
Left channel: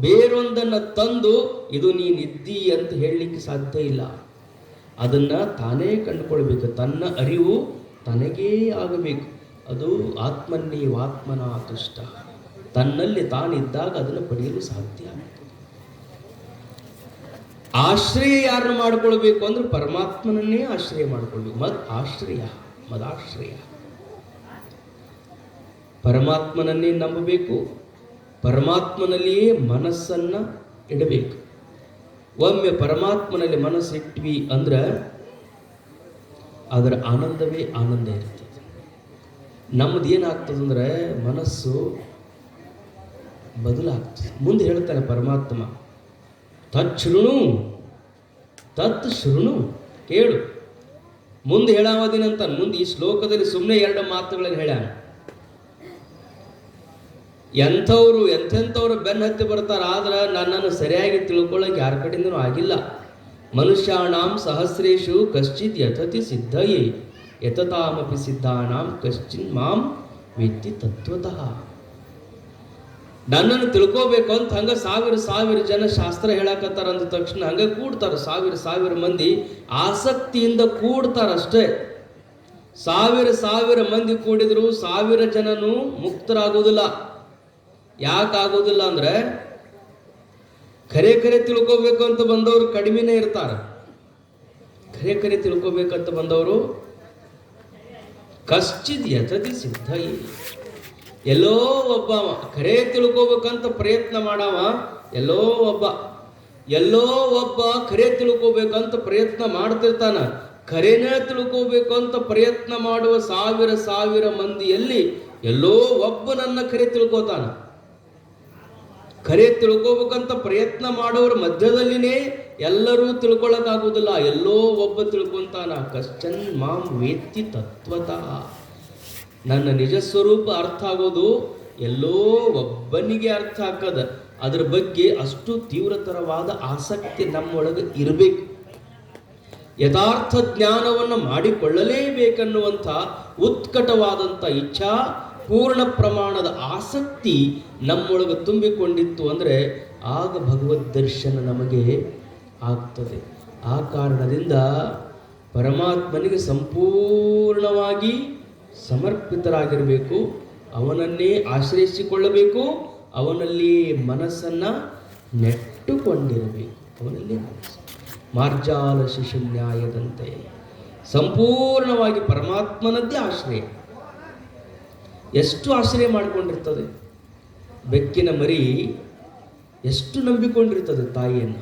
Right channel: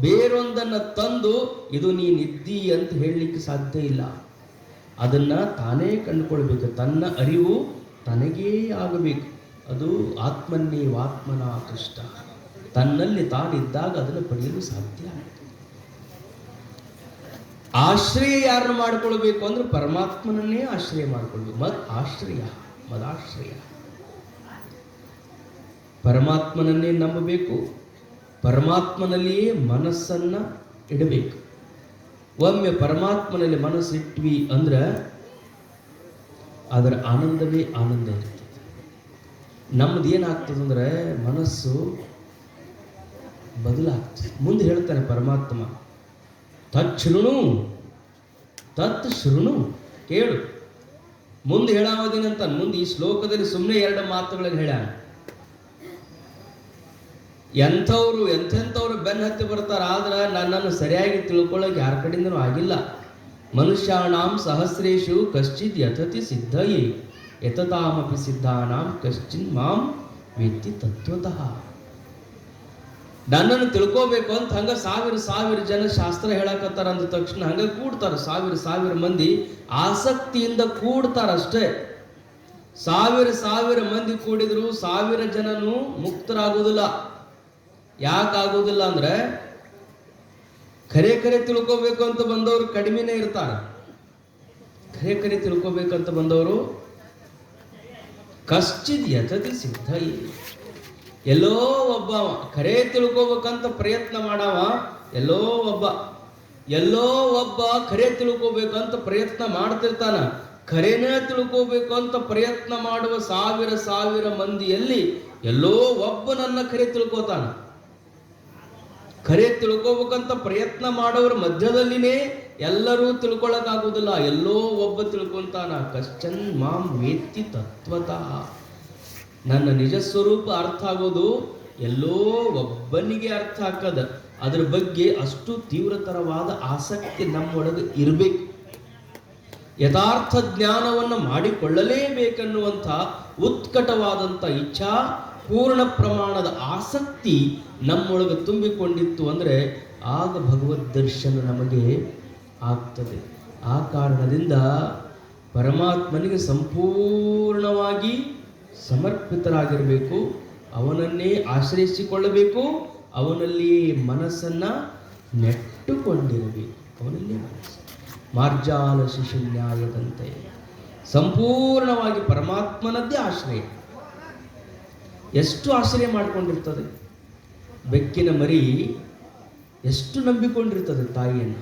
ಬೇರೊಂದನ್ನು ತಂದು ಇದು ನೀನಿದ್ದಿ ಅಂತ ಹೇಳಲಿಕ್ಕೆ ಸಾಧ್ಯ ಇಲ್ಲ. ಅದನ್ನ ತಾನೇ ಕಂಡುಕೊಳ್ಬೇಕು. ತನ್ನ ಅರಿವು ತನಗೇ ಆಗಬೇಕು. ಅದು ಆತ್ಮನ್ನೇವಾತ್ಮನ ತುಷ್ಟ. ತನ್ನಲ್ಲಿ ತಾನಿದ್ದಾಗ ಅದನ್ನು ಪಡೆಯಲು ಸಾಧ್ಯ. ಆಶ್ರಯ ಯಾರನ್ನು ಮಾಡಿಕೊಳ್ಬೇಕು ಅಂದ್ರೆ ಪರಮಾತ್ಮನನ್ನೇ ಆಶ್ರಯ ಮಾಡಿಕೊಳ್ಬೇಕು. ಮದಾಶ್ರಯ ಪರಮಾತ್ಮನನ್ನೇ ನಂಬಬೇಕು. ಪರಮಾತ್ಮನಲ್ಲಿಯೇ ಮನಸ್ಸನ್ನ ಇಡಬೇಕು. ಒಮ್ಮೆ ಪರಮಾತ್ಮನಲ್ಲಿ ಮನಸ್ಸಿಟ್ವಿ ಅಂದ್ರೆ ಅದರ ಆನಂದವೇ ಆನಂದ ಇರ್ತದೆ. ನಮ್ದು ಏನಾಗ್ತದಂದ್ರೆ ಮನಸ್ಸು ಬದಲಾಗ್ತದೆ. ಮುಂದೆ ಹೇಳ್ತಾರೆ ಪರಮಾತ್ಮ, ತತ್ ಶೃಣು ಕೇಳು. ಮುಂದೆ ಹೇಳಾವದಿನಂತ. ಮುಂದೆ ಈ ಶ್ಲೋಕದಲ್ಲಿ ಸುಮ್ಮನೆ 2 ಮಾತುಗಳಲ್ಲಿ ಹೇಳ. ಎಂಥವ್ರು ಬೆನ್ನ ಹತ್ತಿ ಬರ್ತಾರ. ಆದ್ರೆ ನನ್ನನ್ನು ಸರಿಯಾಗಿ ತಿಳ್ಕೊಳ್ಳೋಕೆ ಯಾರ ಕಡೆಯಿಂದನೂ ಆಗಿಲ್ಲ. ಮನುಷ್ಯಾಣಾಂ ಸಹಸ್ರೇಶು ಕಶ್ಚಿತ್ ಯತತಿ ಸಿದ್ಧಯೇ ಯತತಾಮಪಿ ಸಿದ್ಧಾನಾಂ ಕಶ್ಚಿನ್ ಮಾಂ ವೇತ್ತಿ ತತ್ವತಃ. ನನ್ನನ್ನು ತಿಳ್ಕೋಬೇಕು ಅಂತ ಹಂಗ ಸಾವಿರ ಜನ ಶಾಸ್ತ್ರ ಹೇಳಕತ್ತಾರ ಅಂದ ತಕ್ಷಣ ಹಂಗ ಕೂಡ್ತಾರ. ಸಾವಿರ ಮಂದಿ ಆಸಕ್ತಿಯಿಂದ ಕೂಡ್ತಾರ ಅಷ್ಟೇ. ಸಾವಿರ ಮಂದಿ ಕೂಡಿದ್ರು 1000 ಜನನು ಮುಕ್ತರಾಗೋದಿಲ್ಲ. ಯಾಕಾಗೋದಿಲ್ಲ ಅಂದ್ರೆ ಖರೆ ತಿಳ್ಕೋಬೇಕು ಅಂತ ಬಂದವರು ಕಡಿಮೆನೇ ಇರ್ತಾರ. ಖರೆ ತಿಳ್ಕೋಬೇಕಂತ ಬಂದವರು ಕಶ್ಚಿತ್ ಯತತಿ ಸಿದ್ಧ. ಎಲ್ಲೋ ಒಬ್ಬ ಖರೆ ತಿಳ್ಕೋಬೇಕಂತ ಪ್ರಯತ್ನ ಮಾಡವ, ಎಲ್ಲೋ ಒಬ್ಬ ಖರೆ ತಿಳ್ಕೋಬೇಕಂತ ಪ್ರಯತ್ನ ಮಾಡ್ತಿರ್ತಾನ. ಖರೇನೇ ತಿಳ್ಕೋಬೇಕು ಅಂತ ಪ್ರಯತ್ನ ಮಾಡುವ ಸಾವಿರ ಮಂದಿಯಲ್ಲಿ ಎಲ್ಲೋ ಒಬ್ಬನನ್ನ ಖರೆ ತಿಳ್ಕೋತಾನ. ಖರೆ ತಿಳ್ಕೋಬೇಕಂತ ಪ್ರಯತ್ನ ಮಾಡೋರ ಮಧ್ಯದಲ್ಲಿನೇ ಎಲ್ಲರೂ ತಿಳ್ಕೊಳ್ಳೋಕ್ಕಾಗುವುದಿಲ್ಲ. ಎಲ್ಲೋ ಒಬ್ಬ ತಿಳ್ಕೊಂತಾನ. ಕಶ್ಚನ್ ಮಾಂ ವೇತ್ತಿ ತತ್ವತಃ. ನನ್ನ ನಿಜ ಸ್ವರೂಪ ಅರ್ಥ ಆಗೋದು ಎಲ್ಲೋ ಒಬ್ಬನಿಗೆ ಅರ್ಥ ಆಗ್ತದ. ಅದ್ರ ಬಗ್ಗೆ ಅಷ್ಟು ತೀವ್ರತರವಾದ ಆಸಕ್ತಿ ನಮ್ಮೊಳಗೆ ಇರಬೇಕು. ಯಥಾರ್ಥ ಜ್ಞಾನವನ್ನು ಮಾಡಿಕೊಳ್ಳಲೇಬೇಕನ್ನುವಂಥ ಉತ್ಕಟವಾದಂಥ ಇಚ್ಛಾ, ಪೂರ್ಣ ಪ್ರಮಾಣದ ಆಸಕ್ತಿ ನಮ್ಮೊಳಗೆ ತುಂಬಿಕೊಂಡಿತ್ತು ಅಂದರೆ ಆಗ ಭಗವದ್ ದರ್ಶನ ನಮಗೆ ಆಗ್ತದೆ. ಆ ಕಾರಣದಿಂದ ಪರಮಾತ್ಮನಿಗೆ ಸಂಪೂರ್ಣವಾಗಿ ಸಮರ್ಪಿತರಾಗಿರಬೇಕು. ಅವನನ್ನೇ ಆಶ್ರಯಿಸಿಕೊಳ್ಳಬೇಕು. ಅವನಲ್ಲಿ ಮನಸ್ಸನ್ನ ನೆಟ್ಟುಕೊಂಡಿರಬೇಕು. ಅವನಲ್ಲೇ ಮನಸ್ಸು ಮಾರ್ಜಾಲ ಶಿಶುನ್ಯಾಯದಂತೆ ಸಂಪೂರ್ಣವಾಗಿ ಪರಮಾತ್ಮನದ್ದೇ ಆಶ್ರಯ. ಎಷ್ಟು ಆಶ್ರಯ ಮಾಡಿಕೊಂಡಿರ್ತದೆ. ಬೆಕ್ಕಿನ ಮರಿ ಎಷ್ಟು ನಂಬಿಕೊಂಡಿರ್ತದೆ ತಾಯಿಯನ್ನು.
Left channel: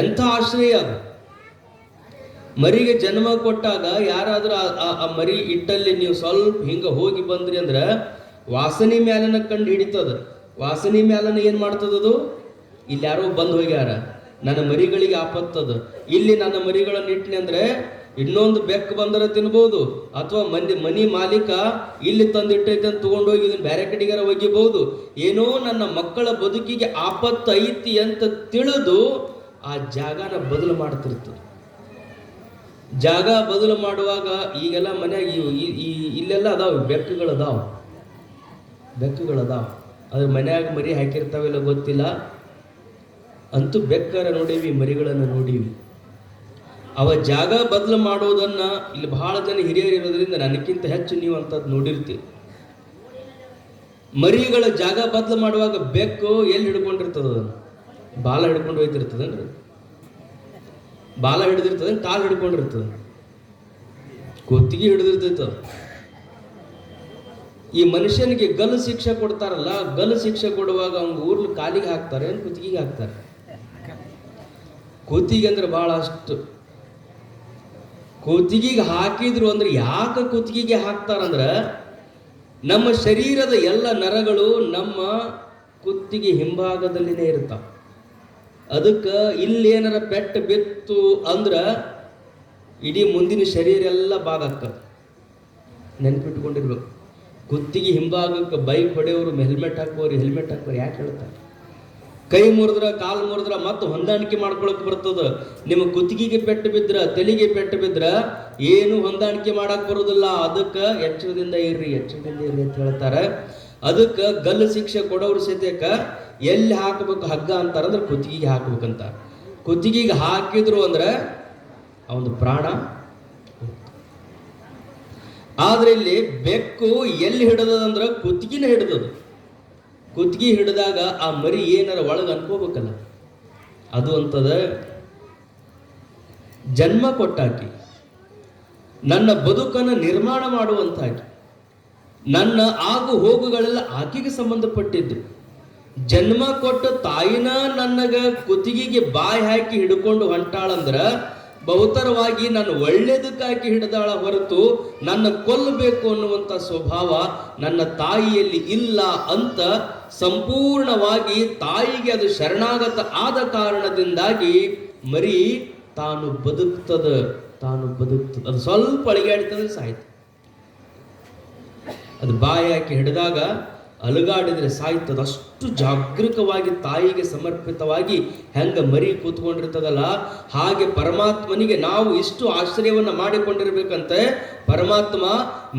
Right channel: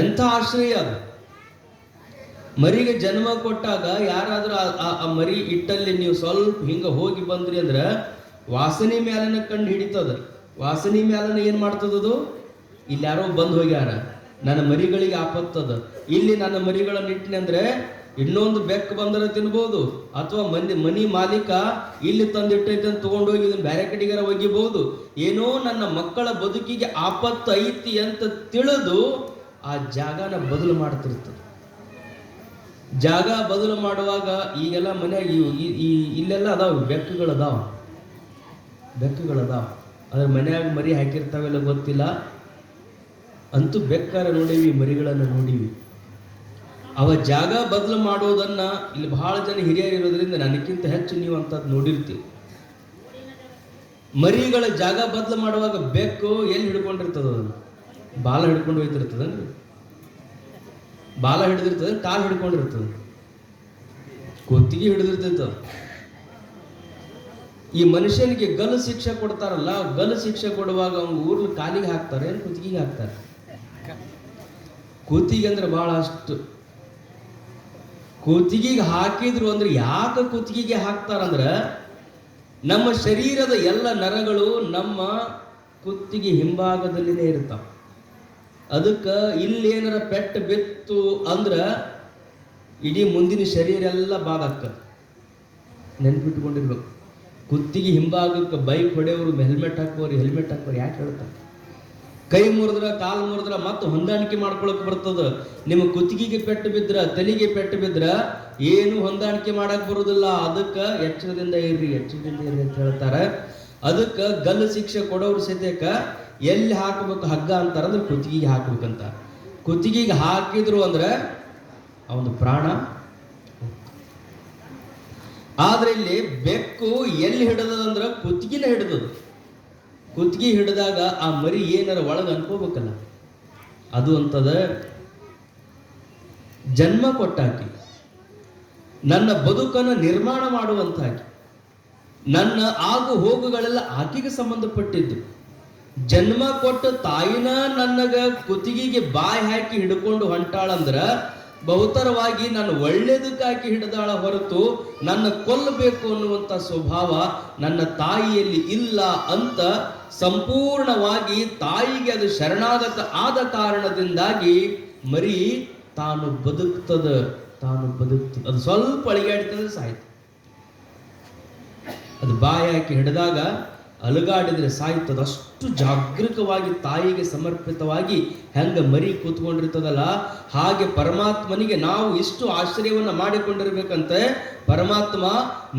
ಎಂಥ ಆಶ್ರಯ ಅದು. ಮರಿಗೆ ಜನ್ಮ ಕೊಟ್ಟಾಗ ಯಾರಾದ್ರೂ ಆ ಮರಿ ಇಟ್ಟಲ್ಲಿ ನೀವು ಸ್ವಲ್ಪ ಹಿಂಗ ಹೋಗಿ ಬಂದ್ರಿ ಅಂದ್ರೆ ವಾಸನೆ ಮ್ಯಾಲನ ಕಂಡು ಹಿಡಿತದ. ವಾಸನೆ ಮ್ಯಾಲನ ಏನ್ ಮಾಡ್ತದದು? ಇಲ್ಲಿ ಯಾರೋ ಬಂದು ಹೋಗ್ಯಾರ, ನನ್ನ ಮರಿಗಳಿಗೆ ಆಪತ್ತದ, ಇಲ್ಲಿ ನನ್ನ ಮರಿಗಳನ್ನ ಇಟ್ಟನಿ ಅಂದ್ರೆ ಇನ್ನೊಂದು ಬೆಕ್ಕು ಬಂದರೆ ತಿನ್ಬೋದು, ಅಥವಾ ಮನಿ ಮಾಲೀಕ ಇಲ್ಲಿ ತಂದಿಟ್ಟೈತೆ ಅಂತ ತಗೊಂಡೋಗಿ ಇದನ್ನ ಬೇರೆ ಕಡೆಗಾರ ಒಗಿಬಹುದು. ಏನೋ ನನ್ನ ಮಕ್ಕಳ ಬದುಕಿಗೆ ಆಪತ್ತು ಐತಿ ಅಂತ ತಿಳಿದು ಆ ಜಾಗನ ಬದಲು ಮಾಡ್ತಿರ್ತದೆ. ಜಾಗ ಬದಲು ಮಾಡುವಾಗ ಈಗೆಲ್ಲ ಮನೆಯಾಗ ಇಲ್ಲೆಲ್ಲ ಅದಾವ ಬೆಕ್ಕುಗಳದಾವ. ಅದ್ರ ಮನ್ಯಾಗ ಮರಿ ಹಾಕಿರ್ತಾವೆಲ್ಲ ಗೊತ್ತಿಲ್ಲ. ಅಂತೂ ಬೆಕ್ಕರ ನೋಡೀವಿ, ಮರಿಗಳನ್ನು ನೋಡೀವಿ. ಅವ ಜಾಗ ಬದಲು ಮಾಡೋದನ್ನ ಇಲ್ಲಿ ಬಹಳ ಜನ ಹಿರಿಯರು ಇರೋದ್ರಿಂದ ನನಕ್ಕಿಂತ ಹೆಚ್ಚು ನೀವು ಅಂತದ್ ನೋಡಿರ್ತೀವಿ. ಮರಿಗಳ ಜಾಗ ಬದಲು ಮಾಡುವಾಗ ಬೆಕ್ಕು ಎಲ್ಲಿ ಹಿಡ್ಕೊಂಡಿರ್ತದ? ಬಾಲ ಹಿಡ್ಕೊಂಡು ಹೋಯ್ತಿರ್ತದನ್ರಿ. ಬಾಲ ಹಿಡಿದಿರ್ತದ, ಕಾಲು ಹಿಡ್ಕೊಂಡಿರ್ತದ, ಕುತ್ತಿಗೆ ಹಿಡಿದಿರ್ತೈತ. ಈ ಮನುಷ್ಯನಿಗೆ ಗಲ್ಲು ಶಿಕ್ಷೆ ಕೊಡ್ತಾರಲ್ಲ, ಗಲ್ಲು ಶಿಕ್ಷೆ ಕೊಡುವಾಗ ಅವ್ನ ಊರ್ನ ಕಾಲಿಗೆ ಹಾಕ್ತಾರೆ, ಕುತ್ತಿಗೆಗೆ ಹಾಕ್ತಾರೆ. ಕುತ್ತಿಗೆ ಅಂದ್ರೆ ಬಹಳ ಅಷ್ಟು ಕುತ್ತಿಗೆಗೆ ಹಾಕಿದ್ರು ಅಂದ್ರೆ ಯಾಕೆ ಕುತ್ತಿಗೆಗೆ ಹಾಕ್ತಾರಂದ್ರ ನಮ್ಮ ಶರೀರದ ಎಲ್ಲ ನರಗಳು ನಮ್ಮ ಕುತ್ತಿಗೆ ಹಿಂಭಾಗದಲ್ಲಿನೇ ಇರ್ತಾವ. ಅದಕ್ಕೆ ಇಲ್ಲೇನಾರ ಪೆಟ್ಟು ಬಿತ್ತು ಅಂದ್ರ ಇಡೀ ಮುಂದಿನ ಶರೀರ ಎಲ್ಲ ಭಾಗ ಆಗ್ತದೆ. ನೆನ್ಪಿಟ್ಕೊಂಡಿರ್ಬೇಕು. ಕುತ್ತಿಗೆ ಹಿಂಭಾಗಕ್ಕೆ ಬೈಕ್ ಹೊಡೆಯವರು ಹೆಲ್ಮೆಟ್ ಹಾಕೋರು ಯಾಕೆ ಹೇಳ್ತಾರೆ? ಕೈ ಮುರಿದ್ರ ಕಾಲು ಮುರಿದ್ರ ಮತ್ತೆ ಹೊಂದಾಣಿಕೆ ಮಾಡ್ಕೊಳಕ್ ಬರ್ತದ. ನಿಮ್ಮ ಕುತ್ತಿಗೆಗೆ ಪೆಟ್ಟು ಬಿದ್ರ ತಲೆಗೆ ಪೆಟ್ಟು ಬಿದ್ರ ಏನು ಹೊಂದಾಣಿಕೆ ಮಾಡಕ್ ಬರುದಿಲ್ಲ. ಅದಕ್ಕೆ ಎಚ್ಚರದಿಂದ ಇರ್ರಿ ಅಂತ ಹೇಳ್ತಾರೆ. ಅದಕ್ಕೆ ಗಲ್ಲು ಶಿಕ್ಷೆ ಕೊಡೋರು ಸಹಿತ ಎಲ್ಲಿ ಹಾಕಬೇಕು ಹಗ್ಗ ಅಂತಾರ ಅಂದ್ರೆ ಕುತ್ತಿಗೆಗೆ ಹಾಕ್ಬೇಕಂತ. ಕುತ್ತಿಗೆಗೆ ಹಾಕಿದ್ರು ಅಂದ್ರೆ ಅವನ ಪ್ರಾಣ. ಆದ್ರೆ ಇಲ್ಲಿ ಬೆಕ್ಕು ಎಲ್ಲಿ ಹಿಡದಂದ್ರ ಕುತ್ತಿಗೆನ ಹಿಡಿದದು. ಕುತ್ತಿಗೆ ಹಿಡಿದಾಗ ಆ ಮರಿ ಏನಾರ ಒಳಗೆ ಅನ್ಕೋಬೇಕಲ್ಲ, ಅದು ಅಂತದ ಜನ್ಮ ಕೊಟ್ಟಾಕಿ, ನನ್ನ ಬದುಕನ್ನು ನಿರ್ಮಾಣ ಮಾಡುವಂತಾಕಿ, ನನ್ನ ಆಗು ಹೋಗುಗಳೆಲ್ಲ ಆಕೆಗೆ ಸಂಬಂಧಪಟ್ಟಿದ್ದು. ಜನ್ಮ ಕೊಟ್ಟ ತಾಯಿನ ನನಗ ಕುತ್ತಿಗೆಗೆ ಬಾಯಿ ಹಾಕಿ ಹಿಡ್ಕೊಂಡು ಹೊಂಟಾಳಂದ್ರ ಬಹುತರವಾಗಿ ನನ್ನ ಒಳ್ಳೇದಕ್ಕಾಕಿ ಹಿಡಿದಾಳ ಹೊರತು ನನ್ನ ಕೊಲ್ಲಬೇಕು ಅನ್ನುವಂಥ ಸ್ವಭಾವ ನನ್ನ ತಾಯಿಯಲ್ಲಿ ಇಲ್ಲ ಅಂತ ಸಂಪೂರ್ಣವಾಗಿ ತಾಯಿಗೆ ಅದು ಶರಣಾಗತ ಆದ ಕಾರಣದಿಂದಾಗಿ ಮರಿ ತಾನು ಬದುಕ್ತದ. ಅದು ಸ್ವಲ್ಪ ಅಳಿಗಾಡ್ತದೆ ಸಾಯ್ತು. ಅದು ಬಾಯಿ ಹಾಕಿ ಹಿಡಿದಾಗ ಅಲುಗಾಡಿದ್ರೆ ಸಾಯ್ತದ. ಅಷ್ಟು ಜಾಗೃತವಾಗಿ ತಾಯಿಗೆ ಸಮರ್ಪಿತವಾಗಿ ಹೆಂಗ ಮರಿ ಕೂತ್ಕೊಂಡಿರ್ತದಲ್ಲ, ಹಾಗೆ ಪರಮಾತ್ಮನಿಗೆ ನಾವು ಇಷ್ಟು ಆಶ್ರಯವನ್ನ ಮಾಡಿಕೊಂಡಿರ್ಬೇಕಂತೆ. ಪರಮಾತ್ಮ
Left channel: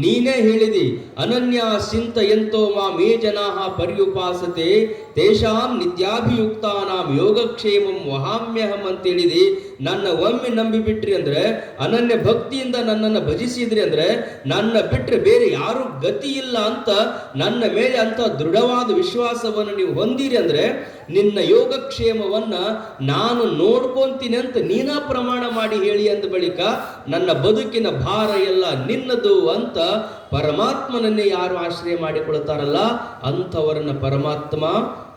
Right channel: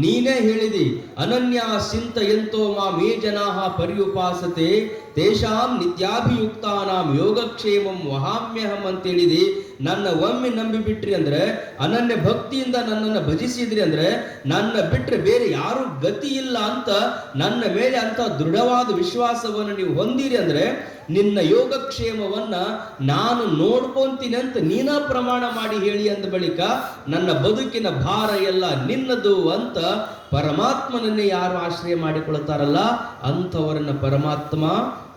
ನೀನೇ ಹೇಳಿದಿ, ಅನನ್ಯ ಸಿಂತ ಎಂತೋ ಮೇ ಜನಾಹ ಪರ್ಯುಪಾಸತೆ ತೇಷಾಂ ನಿತ್ಯಾಭಿಯುಕ್ತಾನಾಂ ಯೋಗಕ್ಷೇಮಂ ವಹಾಮ್ಯಹಂ ಅಂತ ಹೇಳಿದಿ. ನನ್ನ ಒಮ್ಮೆ ನಂಬಿ ಬಿಟ್ರಿ ಅಂದ್ರೆ, ಅನನ್ಯ ಭಕ್ತಿಯಿಂದ ನನ್ನನ್ನು ಭಜಿಸಿದ್ರಿ ಅಂದ್ರೆ ನನ್ನ ಬಿಟ್ರೆ ಬೇರೆ ಯಾರು ಗತಿ ಇಲ್ಲ ಅಂತ ನನ್ನ ಮೇಲೆ ಅಂತ ದೃಢವಾದ ವಿಶ್ವಾಸವನ್ನು ನೀವು ಹೊಂದಿರಿ ಅಂದ್ರೆ ನಿನ್ನ ಯೋಗಕ್ಷೇಮವನ್ನ ನಾನು ನೋಡ್ಕೊಂತೀನಿ ಅಂತ ನೀನ ಪ್ರಮಾಣ ಮಾಡಿ ಹೇಳಿ ಅಂದ ಬಳಿಕ ನನ್ನ ಬದುಕಿನ ಭಾರ ಎಲ್ಲ ನಿನ್ನದು ಅಂತ ಪರಮಾತ್ಮನನ್ನೇ ಯಾರು ಆಶ್ರಯ ಮಾಡಿಕೊಳ್ತಾರಲ್ಲ ಅಂಥವರನ್ನ ಪರಮಾತ್ಮ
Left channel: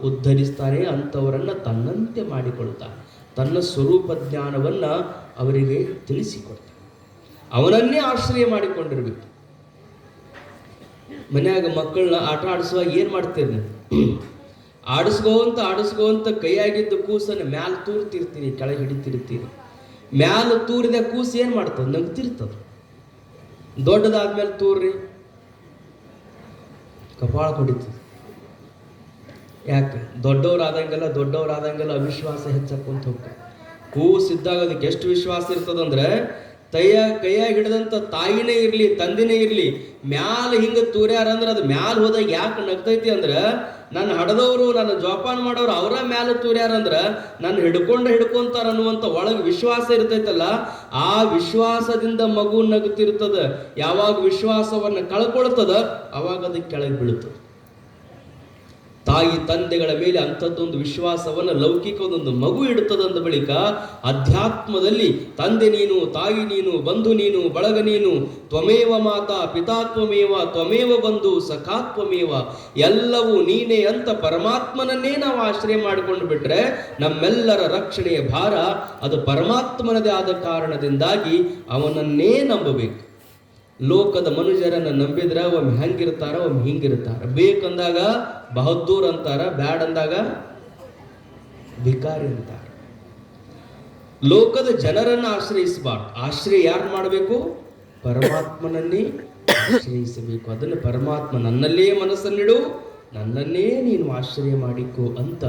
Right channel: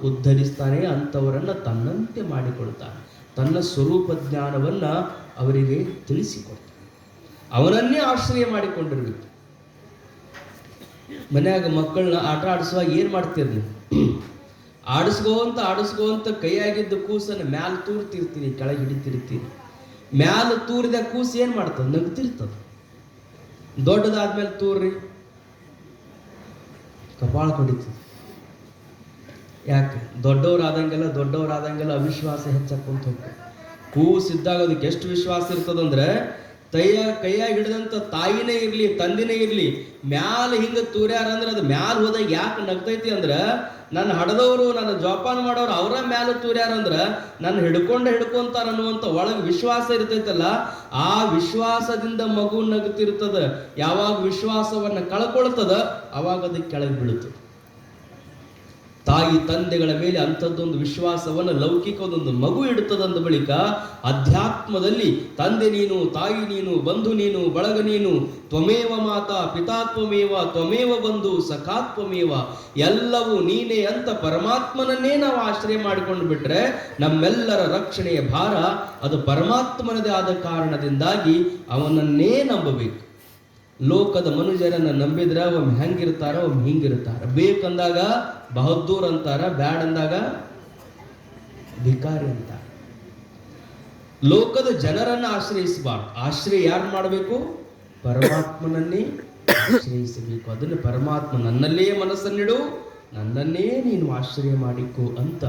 ಉದ್ಧರಿಸ್ತಾನೆ. ಅಂಥವರನ್ನ ತನ್ನಂತೆ ಮಾಡಿಕೊಳ್ತಾನೆ. ತನ್ನ ಸ್ವರೂಪ ಜ್ಞಾನವನ್ನ ಅವರಿಗೆ ತಿಳಿಸಿಕೊಡ್ತಾನೆ. ಅವನನ್ನೇ ಆಶ್ರಯ ಮಾಡಿಕೊಂಡಿರ್ಬೇಕು. ಮನ್ಯಾಗ ಮಕ್ಕಳನ್ನ ಆಟ ಆಡಿಸುವಾಗ ಏನ್ ಮಾಡ್ತೀರಿ ನೀವು? ಆಡಿಸ್ಕೋಂತ ಕೈಯಾಗಿದ್ದ ಕೂಸನ್ನ ಮ್ಯಾಲ ತೂರ್ತಿರ್ತೀರಿ, ಕೆಳಗೆ ಹಿಡಿತಿರ್ತೀರಿ. ಮ್ಯಾಲ ತೂರಿದ ಕೂಸು ಏನ್ ಮಾಡ್ತದ? ನಗ್ತಿರ್ತದ. ದೊಡ್ಡದಾದ್ಮೇಲೆ ತೂರ್ರಿ, ಕಪಾಳ ಹೊಡಿತದ. ಯಾಕೆ? ದೊಡ್ಡವರಾದಂಗೆಲ್ಲ ಅವಿಶ್ವಾಸ ಹೆಚ್ಚಕ್ಕೊಂತ ಹೋಗ್ತದೆ. ಕೂಸಿದ್ದಾಗ ಅದಕ್ಕೆ ಎಷ್ಟು ವಿಶ್ವಾಸ ಇರ್ತದಂದ್ರೆ ಕೈಯಾಗಿ ಹಿಡಿದಂತ ತಾಯಿನೇ ಇರ್ಲಿ ತಂದಿನೇ ಇರ್ಲಿ ಮ್ಯಾಲ ಹಿಂಗ ತೂರ್ಯಾರ ಅಂದ್ರೆ ಅದು ಮ್ಯಾಲ ಹೋದಾಗ ಯಾಕೆ ನಗ್ತೈತಿ ಅಂದ್ರ ನನ್ನ ಹಡದವರು ನನ್ನ ಜೋಪಾನ ಮಾಡೋರು ಅವರ ಮ್ಯಾಲ ತೂರ್ಯಾರಂದ್ರ ನನ್ನ ಹಿಡ್ಕೊಂತಾರ ಅನ್ನುವಂತ ಒಳಗೆ ವಿಶ್ವಾಸ ಇರ್ತೈತಲ್ಲ, ಆ ವಿಶ್ವಾಸದಿಂದ ಮಗು ನಗುತ್ತಿರ್ತದ. ಯಾವಾಗ ವಿಶ್ವಾಸವನ್ನ ಕಳ್ಕೊಳ್ತದ ಅವಾಗ ಅದಕ್ಕೆ ಕೆಳಗೆ ಬೀಳುತ್ತದೆ. ತಾಯಿ ತಂದೆಗಳ ಮೇಲೆ ಅಂಥದ್ದೊಂದು ವಿಶ್ವಾಸವನ್ನು ಲೌಕಿಕದೊಂದು ಮಗು ಇಡುತ್ತದಂದ ಬಳಿಕ ಅಧ್ಯಾತ್ಮದಲ್ಲಿ ತಂದೆ ನೀನು, ತಾಯಿ ನೀನು, ಬಂಧು ನೀನು, ಬಳಗ ನೀನು, ತ್ವಮೇವ ಮಾತಾ ಪಿತಾ ತ್ವಮೇವ ಬಂಧು ಸಖಾತ್ವಮೇವ, ಎಲ್ಲವೂ ನೀನೇ ಅಂತ ಪರಮಾತ್ಮನನ್ನೇ ನಾವು ಆಶ್ರಯ ಮಾಡಿಕೊಂಡು ಬಿಟ್ರೆ ನಮ್ಮೆಲ್ಲರ ರಕ್ಷಣೆಯ ಭಾರ ಅದು ಪರಮಾತ್ಮನದೇ ಆದ ಕಾರಣದಿಂದಾಗಿ ಅವನನ್ನೇ ನಂಬಬೇಕು. ಲೋಕದ ಮನುಷ್ಯರನ್ನ ನಂಬಿದ್ರ ಒಮ್ಮೆ ಹೆಂಗಿರ್ತಾರ, ಒಮ್ಮೆ ಹಿಂಗಿರ್ತಾರ. ಬೇಕಂದಾಗ ಬಹದ್ದೂರ್ ಅಂತಾರ, ಬ್ಯಾಡ್ ಅಂದಾಗ ಭಿಕಾರಿ ಅಂತಾರ. ಲೋಕದ ಜನರನ್ನ ಆಶ್ರಯಿಸಬಾರ್ದು. ಆಶ್ರಯ ಯಾರು ಮಾಡಬೇಕು? ಪರಮಾತ್ಮನನ್ನೇ ಆಶ್ರಯಿಸಬೇಕು. ಅದನ್ನು ಪರಮಾತ್ಮ ನನ್ನಲ್ಲೇ ಮನಸ್ಸನ್ನಿಡು, ನನ್ನನ್ನೇ ನೀನು ಆಶ್ರಯ ಮಾಡಿಕೊ ಅಂತ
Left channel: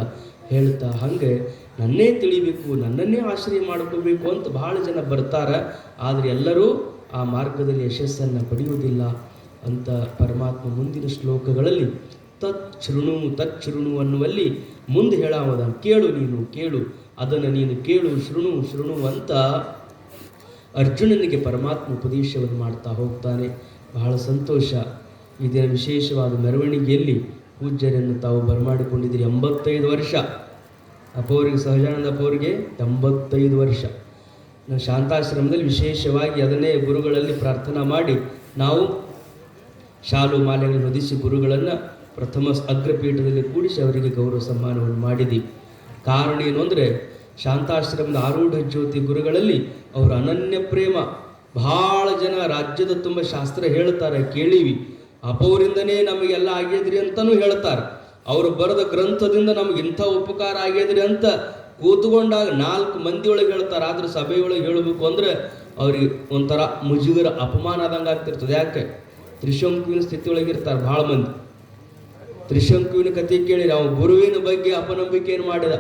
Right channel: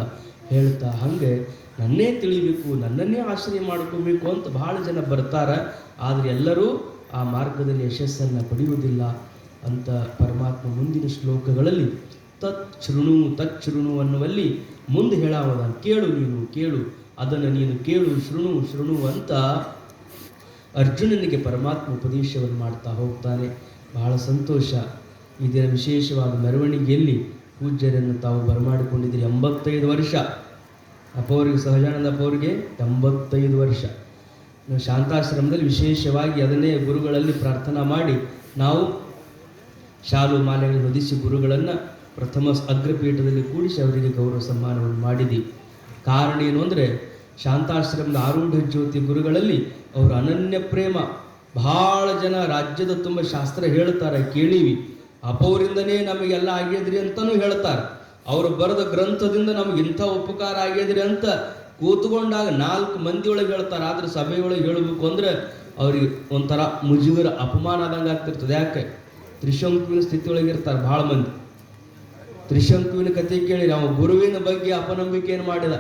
ಹೇಳ್ತಾ ಹಂಗೆ ನನ್ನೇ ತಿಳಿಬೇಕು, ನನ್ನನ್ನೇ ಆಶ್ರಯ ಮಾಡ್ಕೋಬೇಕು ಅಂತ ಬಹಳ ಜನ ಬರ್ತಾರ. ಆದ್ರೆ ಎಲ್ಲರೂ ಆ ಮಾರ್ಗದಲ್ಲಿ ಯಶಸ್ಸನ್ನು ಪಡೆಯುವುದಿಲ್ಲ ಅಂತ ಪರಮಾತ್ಮ ಮುಂದಿನ ಶ್ಲೋಕಗಳಲ್ಲಿ ತಚ್ಛೃಣು ಅನ್ನುವಲ್ಲಿ ಮುಂದೆ ಹೇಳಾವದ. ಕೇಳು ಅದನ್ನು ನೀನು ಕೇಳು, ಶೃಣು ಅಂತ ಅರ್ಜುನನಿಗೆ ಪರಮಾತ್ಮ ಉಪದೇಶವನ್ನು ಮಾಡ್ತಾ ಹೋಗ್ತಾನೆ. ಬಹಳ ಸಂತೋಷ. ಈ ದಿನ ವಿಶೇಷವಾದ ಮೆರವಣಿಗೆಯಲ್ಲಿ ಪೂಜ್ಯರನ್ನು ತಾವು ಬರಮಾಡಿಕೊಂಡಿದ್ದೀರಿ. 85 ವರ್ಷ ಅಪ್ಪವರಿಗೆ, ಸಹಜಾನಂದ ಅಪ್ಪವರಿಗೆ 85 ವರ್ಷ. ಶಾಂತಾಶ್ರಮದಲ್ಲಿ ವಿಶೇಷವಾಗಿ ಅದನ್ನೇ ಗುರುಗಳಲ್ಲಿ ಪ್ರಾರ್ಥನಾ ಮಾಡಿ ನಾವು ಶಾಲು ಮಾಲೆಗಳನ್ನು ಹೊದಿಸಿ ಗುರುಗಳನ್ನು ಪ್ರಥಮ ಅಗ್ರಪೀಠದಲ್ಲಿ ಕೂಡಿಸಿ ಅವರಿಗೆ ಗೌರವ ಸನ್ಮಾನವನ್ನು ಮಾಡಿದ್ದೀವಿ. ಕಾರಣ ಏನು ಅಂದರೆ ಶಾಂತಾಶ್ರಮದ ಆರೂಢ ಜ್ಯೋತಿ ಗುರುಗಳಲ್ಲಿ ಅವರ ಅನನ್ಯ ಪ್ರೇಮ. ಬಹಳ ಜನ ರಾಜ್ಯದ ತುಂಬ ಶಾಸ್ತ್ರ ಹೇಳ್ತಾರೆ, ಕೇಳೀವಿ. ಅಪೋರಿಂದನೇ ನಮಗೆಲ್ಲ ಆಗ್ಯದ್ರಿ ಅಂತಲೂ ಹೇಳ್ತಾರೆ. ಅವರು ಬರೆದ ಗ್ರಂಥದಿಂದ ನಮಗಿಂಥ ಉಪಕಾರ ಆಗ್ಯದ್ರಿ ಅಂತ ಕೂತ್ಕೊಂಡಾಗ 4 ಮಂದಿಯೊಳಗೆ ಹೇಳ್ತಾರೆ. ಆದ್ರೆ ಸಭೆಯೊಳಗೆ ಹೇಳಬೇಕು ಅಂದ್ರೆ ಅವ್ರಿಗೆ ಒಂಥರ ಮುಜುಗರ, ಅಪಮಾನ ಆದಂಗೆ ಆಗ್ತಿರ್ತದೆ. ಯಾಕೆ? ತ್ರಿಶಂಕುವಿನ ಸ್ಥಿತಿಯೊಳಗಿರ್ತಾರೆ ಭಾಳ ಮಂದಿ. ತ್ರಿಶಂಕುವಿನ ಕಥೆ ಕೇಳಿ ನಾವು ಗುರುವಿನ ಬಗ್ಗೆ ಅಪನಂಬಿಕೆಯನ್ನು ಮಾಡಿದ.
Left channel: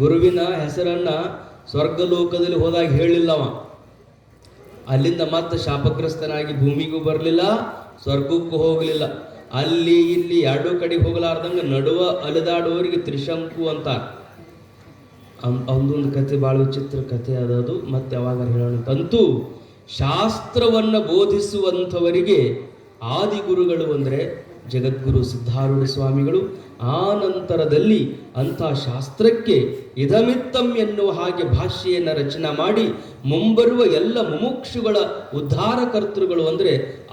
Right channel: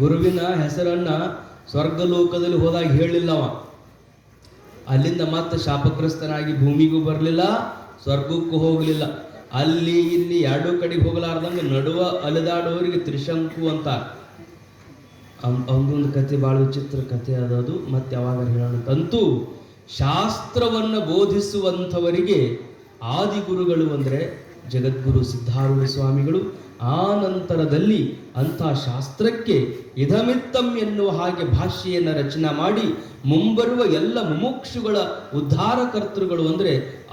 ಗುರುವಿನ ಹೆಸರನ್ನ ಸ್ವರ್ಗಲೋಕದಲ್ಲಿ ಹೋದಾಗ ಹೇಳಿಲ್ಲವ. ಅಲ್ಲಿಂದ ಮತ್ತೆ ಶಾಪಗ್ರಸ್ತನಾಗಿ ಭೂಮಿಗೂ ಬರಲಿಲ್ಲ, ಸ್ವರ್ಗಕ್ಕೂ ಹೋಗಲಿಲ್ಲ. ಅಲ್ಲಿ ಇಲ್ಲಿ ಎರಡೂ ಕಡೆಗೆ ಹೋಗಲಾರ್ದಂಗೆ ನಡುವ ಅಲೆದಾಡುವವರಿಗೆ ತ್ರಿಶಂಕು ಅಂತ. ಅವನೊಂದು ಕತೆ ಭಾಳ ವಿಚಿತ್ರ ಕಥೆ ಅದದು, ಮತ್ತೆ ಯಾವಾಗ ಹೇಳೋಣಕ್ಕಂತೂ ಶಾಸ್ತ್ರವನ್ನು ಬೋಧಿಸುವಂಥವರಿಗೆ ಆದಿಗುರುಗಳು ಅಂದರೆ ಜಗದ್ಗುರು ಸಿದ್ಧಾರೂಢ ಸ್ವಾಮಿಗಳು. ಆ ನಂತರದಲ್ಲಿ ಅಂಥ ಶಾಸ್ತ್ರಕ್ಕೆ ಇದಮಿತ್ತಂ ಎನ್ನುವ ಹಾಗೆ ಭಾಷೆಯನ್ನು ರಚನೆ ಮಾಡಿ ಮುಂಬರುವ ಎಲ್ಲ ಮುಮುಕ್ಷುಗಳ ಉದ್ಧಾರಕರ್ತೃಗಳು ಅಂದರೆ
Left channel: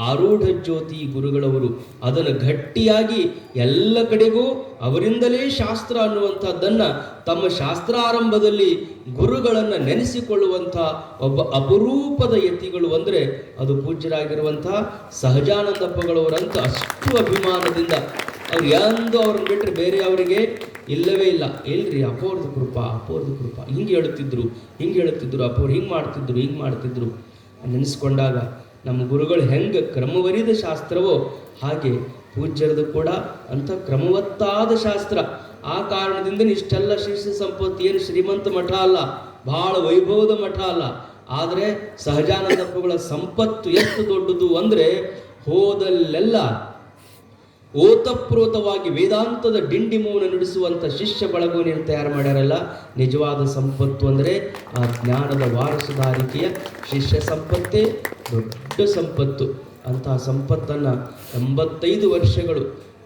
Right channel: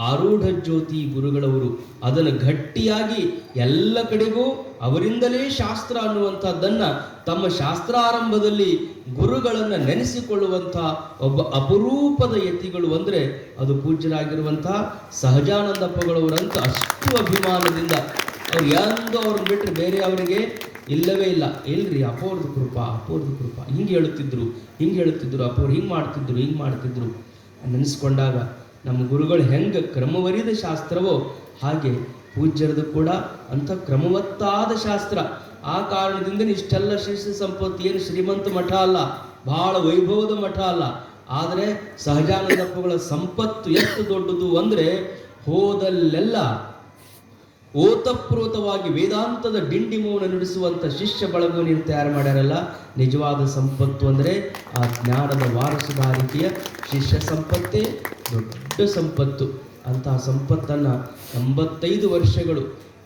ಆರೂಢ ಜ್ಯೋತಿ ಗುರುಗಳವರು. ಅದನ್ನು ಗಟ್ಟಿಯಾಗಿ ಎಲ್ಲ ಕಡೆಗೂ ಅವರಿಂದಲೇ ಶಾಸ್ತ್ರ ಅನ್ನುವಂಥದ್ದನ್ನು ತಮ್ಮ ಶಾಸ್ತ್ರಾರಂಭದಲ್ಲಿ ಗುರುಗಳನ್ನು ನೆನೆಸಿಕೊಳ್ಳುವಂಥ ಒಬ್ಬ ಅಪರೂಪದ ಯತಿಗಳು ಅಂದರೆ ಅದು ಪೂಜ್ಯರಾಗಿರುವಂಥ ಸಹಜಾನಂದಪ್ಪಗಳವರಂತ ಅಷ್ಟು ಅಭಿಮಾನದಿಂದ ಅವ್ರು ಎಂದು ಅವ್ರನ್ನ ಬಿಟ್ಟರೆ ಬೇರೆ ಅವರಿಗೆ ಇಲ್ಲವೇ ಇಲ್ಲ. ಇಲ್ರಿ, ಅಪೋರ್ದು ಕೃಪಾ, ಅಪೋರ್ದು ಕೃಪಾ, ಹಿಂಗೆ ಹೇಳುತ್ತಿದ್ರು ಅಪೋರು ಹಿಂಗೆ ಮಾಡ್ತಿದ್ರು ನೆನೆಸ್ಕೊಂಡಾಗ ನಮ್ಮ ಗುರುಗಳು ಹೆಂಗೆ ಕ್ರಮವರಿದ ಶಾಸ್ತ್ರವೋ ಹಾಗೆ ಪೂಜ್ಯರದು ಕೂಡ ಅಂಥ ಕ್ರಮವತ್ತಾದ ಶಾಸ್ತ್ರ. ಆ ಕಾರಣದಿಂದ ಇಷ್ಟೆಲ್ಲ ಶಿಷ್ಯ ಸಂಪತ್ತು ಏನು ಶ್ರೀಮಂತ ಮಠ ಅಲ್ಲ, ಬಹಳ ವೈಭವದ ಮಠ ಅಲ್ಲ. ಆದರೆ ಸಹಜಾನಂದಪ್ಪಗಳ ಸಂಪತ್ತು ಎಷ್ಟು ದೊಡ್ಡದು ಅಂದರೆ ಹೋದಲ್ಲೆಲ್ಲ ಓತಪ್ರೋತವಾಗಿ ವೇದಾಂತದ ಡಿಂಡಿಮವನ್ನು ನುಡಿಸುವಂಥ ಶಿಷ್ಯ ಬಳಗವನ್ನು ತಯಾರು ಮಾಡ್ಯಾರಲ್ಲ. ನಿಜವಾದ ಸಂಪತ್ತು ಅಂದರೆ ಆ ಜ್ಞಾನದ ವಾರಸುದಾರಿಕೆಯ ಶಿಷ್ಯ ಸಂಪತ್ತೇ ದೊಡ್ಡ ಸಂಪತ್ತು. ಅಂತಹ ಸಂಪತ್ತನ್ನು 85 ವರ್ಷಗಳು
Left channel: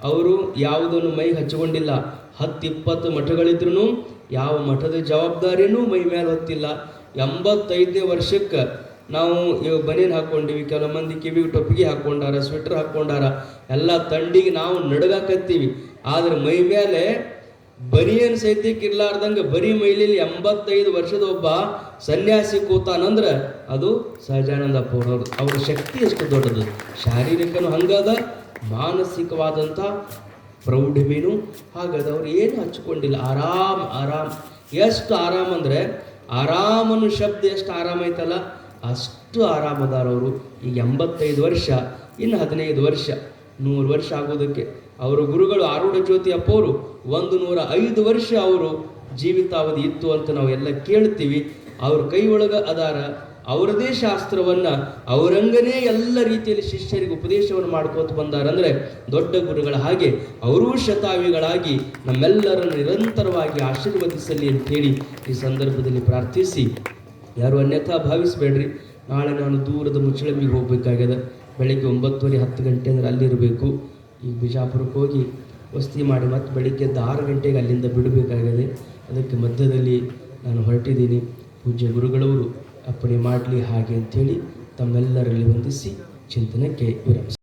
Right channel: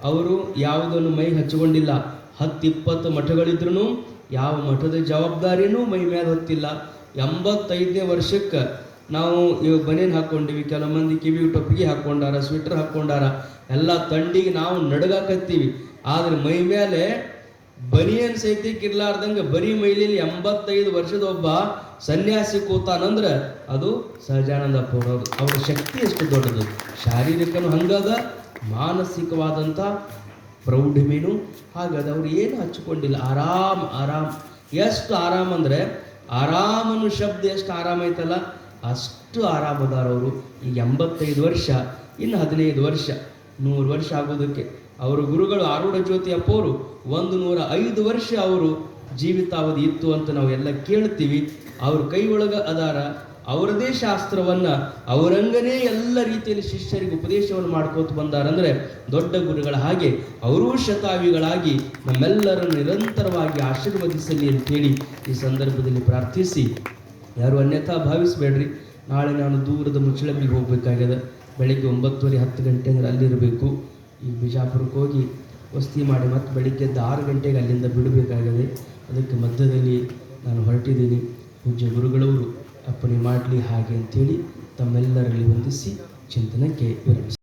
ಅವರು ಯಾವುದನ್ನು ಮೈ ಹಚ್ಚಿಕೊಂಡಿಲ್ಲ. 10-20 ಮಠಗಳಿದ್ರೂ ಯಾವ ಮಠದ ಜವಾಬ್ದಾರಿನೂ ಮೈ ಮೇಲೆ ಹೊತ್ತಿಲ್ಲ. 85ನೇ ವರ್ಷಕ್ಕೆ ನಾವು ಇವಾಗ ಬನೇನು ಹಾಕ್ಕೊಂಡಿವಿ, ಕೆಲವು ಮಂದಿ ಕಿವಿಗೆ ಟೊಪ್ಪಿಗೆ ಹಾಕ್ಕೊಂಡಾರ, ಸ್ವೆಟರ್ ಹಾಕ್ಕೊಂಡಾರ, ಎಲ್ಲ ತಂಡಿಗೆ ನಾವು ನಡಗಾಕತ್ತೀವಿ. ಆದರೆ ಮೈ ಮೇಲೆ ಬನಿಯನ್ ಸಹಿತಕ್ಕೆ ಇರ್ಲಾರ್ದಂಗೆ ಬರೀ ಮೈಲಿಯಲ್ಲಿ 85 ವರ್ಷದ ಒಬ್ಬ ಸನ್ಯಾಸಿ ಕೂತಾನಂದ್ರೆ ಅದು ಸಹಜಾನಂದಪ್ಪ ಅವರು. ಅವರ ಶಕ್ತಿ ಎಷ್ಟು ದೊಡ್ಡದು, ಶಾರೀರಿಕನೂ ಹಂಗದ, ಮಾನಸಿಕವಾದಂಥ ಪ್ರೌಢಿಮೆನೂ ಹಾಗದ. ಅವ್ರು ಏನು ಹಚ್ಕೊಂಡಿಲ್ಲ, ಆರಾಮ್. ಎಷ್ಟು ಆರಾಮ್ ಅಂದರೆ ಆರಾಮನು ಶಬ್ದ ಎಷ್ಟು ಆರಾಮ ಐತಲ್ಲ ಅಷ್ಟು ಆರಾಮದಾರವರು. ಈಗ 85 ವರ್ಷ, ಇನ್ನು 15 ವರ್ಷ 100 ವರ್ಷ ಆಗೋದಕ್ಕೆ. ಅವರ ಗುರುಗಳು ಆರೂಢ ಜ್ಯೋತಿ ಅಪ್ಪವರು 105 ವರ್ಷ ಅವರು ಜೀವಿತಾವಧಿ ಇತ್ತು ಅಂತ ನಾವೆಲ್ಲ ಕೇಳ್ತೀವಿ. ಅವ್ರ ಕೈ ಒಳಗೆ ಅದಾರ, ಅವರದೇ ಶಾಸ್ತ್ರವನ್ನು ಅವರಂಗನೇ ಎಲ್ಲ ರೀತಿಯಲ್ಲಿ ಶಿಷ್ಯರಿಗೆ ಉಪದೇಶವನ್ನು ಮಾಡ್ಕೋತ ಬಂದಾರಂದರೆ ದೊಡ್ಡ ಗುರುಗಳ ಹಾಗೆ ಅವರೂ ಶತಾಯುಗಳಾಗಿ ನಮ್ಮೆಲ್ಲರನ್ನು ನಿರಂತರವಾಗಿ ಆಶೀರ್ವದಿಸಲಿ ಅಂತೇಳಿ ಈ ಸಂದರ್ಭದಲ್ಲಿ ಪ್ರಾರ್ಥಿಸಿ, ಯಾರು ಅನ್ಯಥಾ ಭಾವಿಸಬೇಡ್ರಿ. ನಾಳೆ ನಾನು ದೂರದ ಮುಚ್ಚಳಂಬಿಗೆ ಹೋಗಬೇಕಾಗ್ಯದ. ಬೆಳಗ್ಗೆ 9:30 10 ಗಂಟೆ ಅಂದರೆ ಅಲ್ಲಿರಬೇಕು. ಈ ಬಿಜಾಪುರಕ್ಕೆ ಹೋಗಿ ವಸ್ತಿ ಮಾಡಿ ಮತ್ತು ಬೆಳಿಗ್ಗೆ 6 ಗಂಟೆಗೆ ಅಲ್ಲಿಂದ ಬಿಡಬೇಕಾಗಿದೆ. ಅದಕ್ಕೆ ಮಧ್ಯದಲ್ಲಿ ನಾನು ಹೊರಟಿದ್ದೀನಿ. ಪೂಜ್ಯ ಗುರುಗಳವರು ಅಪ್ಪಣೆ ಮಾಡಲಿ ಹಾಗೆ ಅಂಥೇಳಿ ತಮ್ಮೆಲ್ಲರಲ್ಲಿ ವಂದಿಸಿ ಚಿಂತನಕ್ಕೆ ವಿರಮಿಸಿ.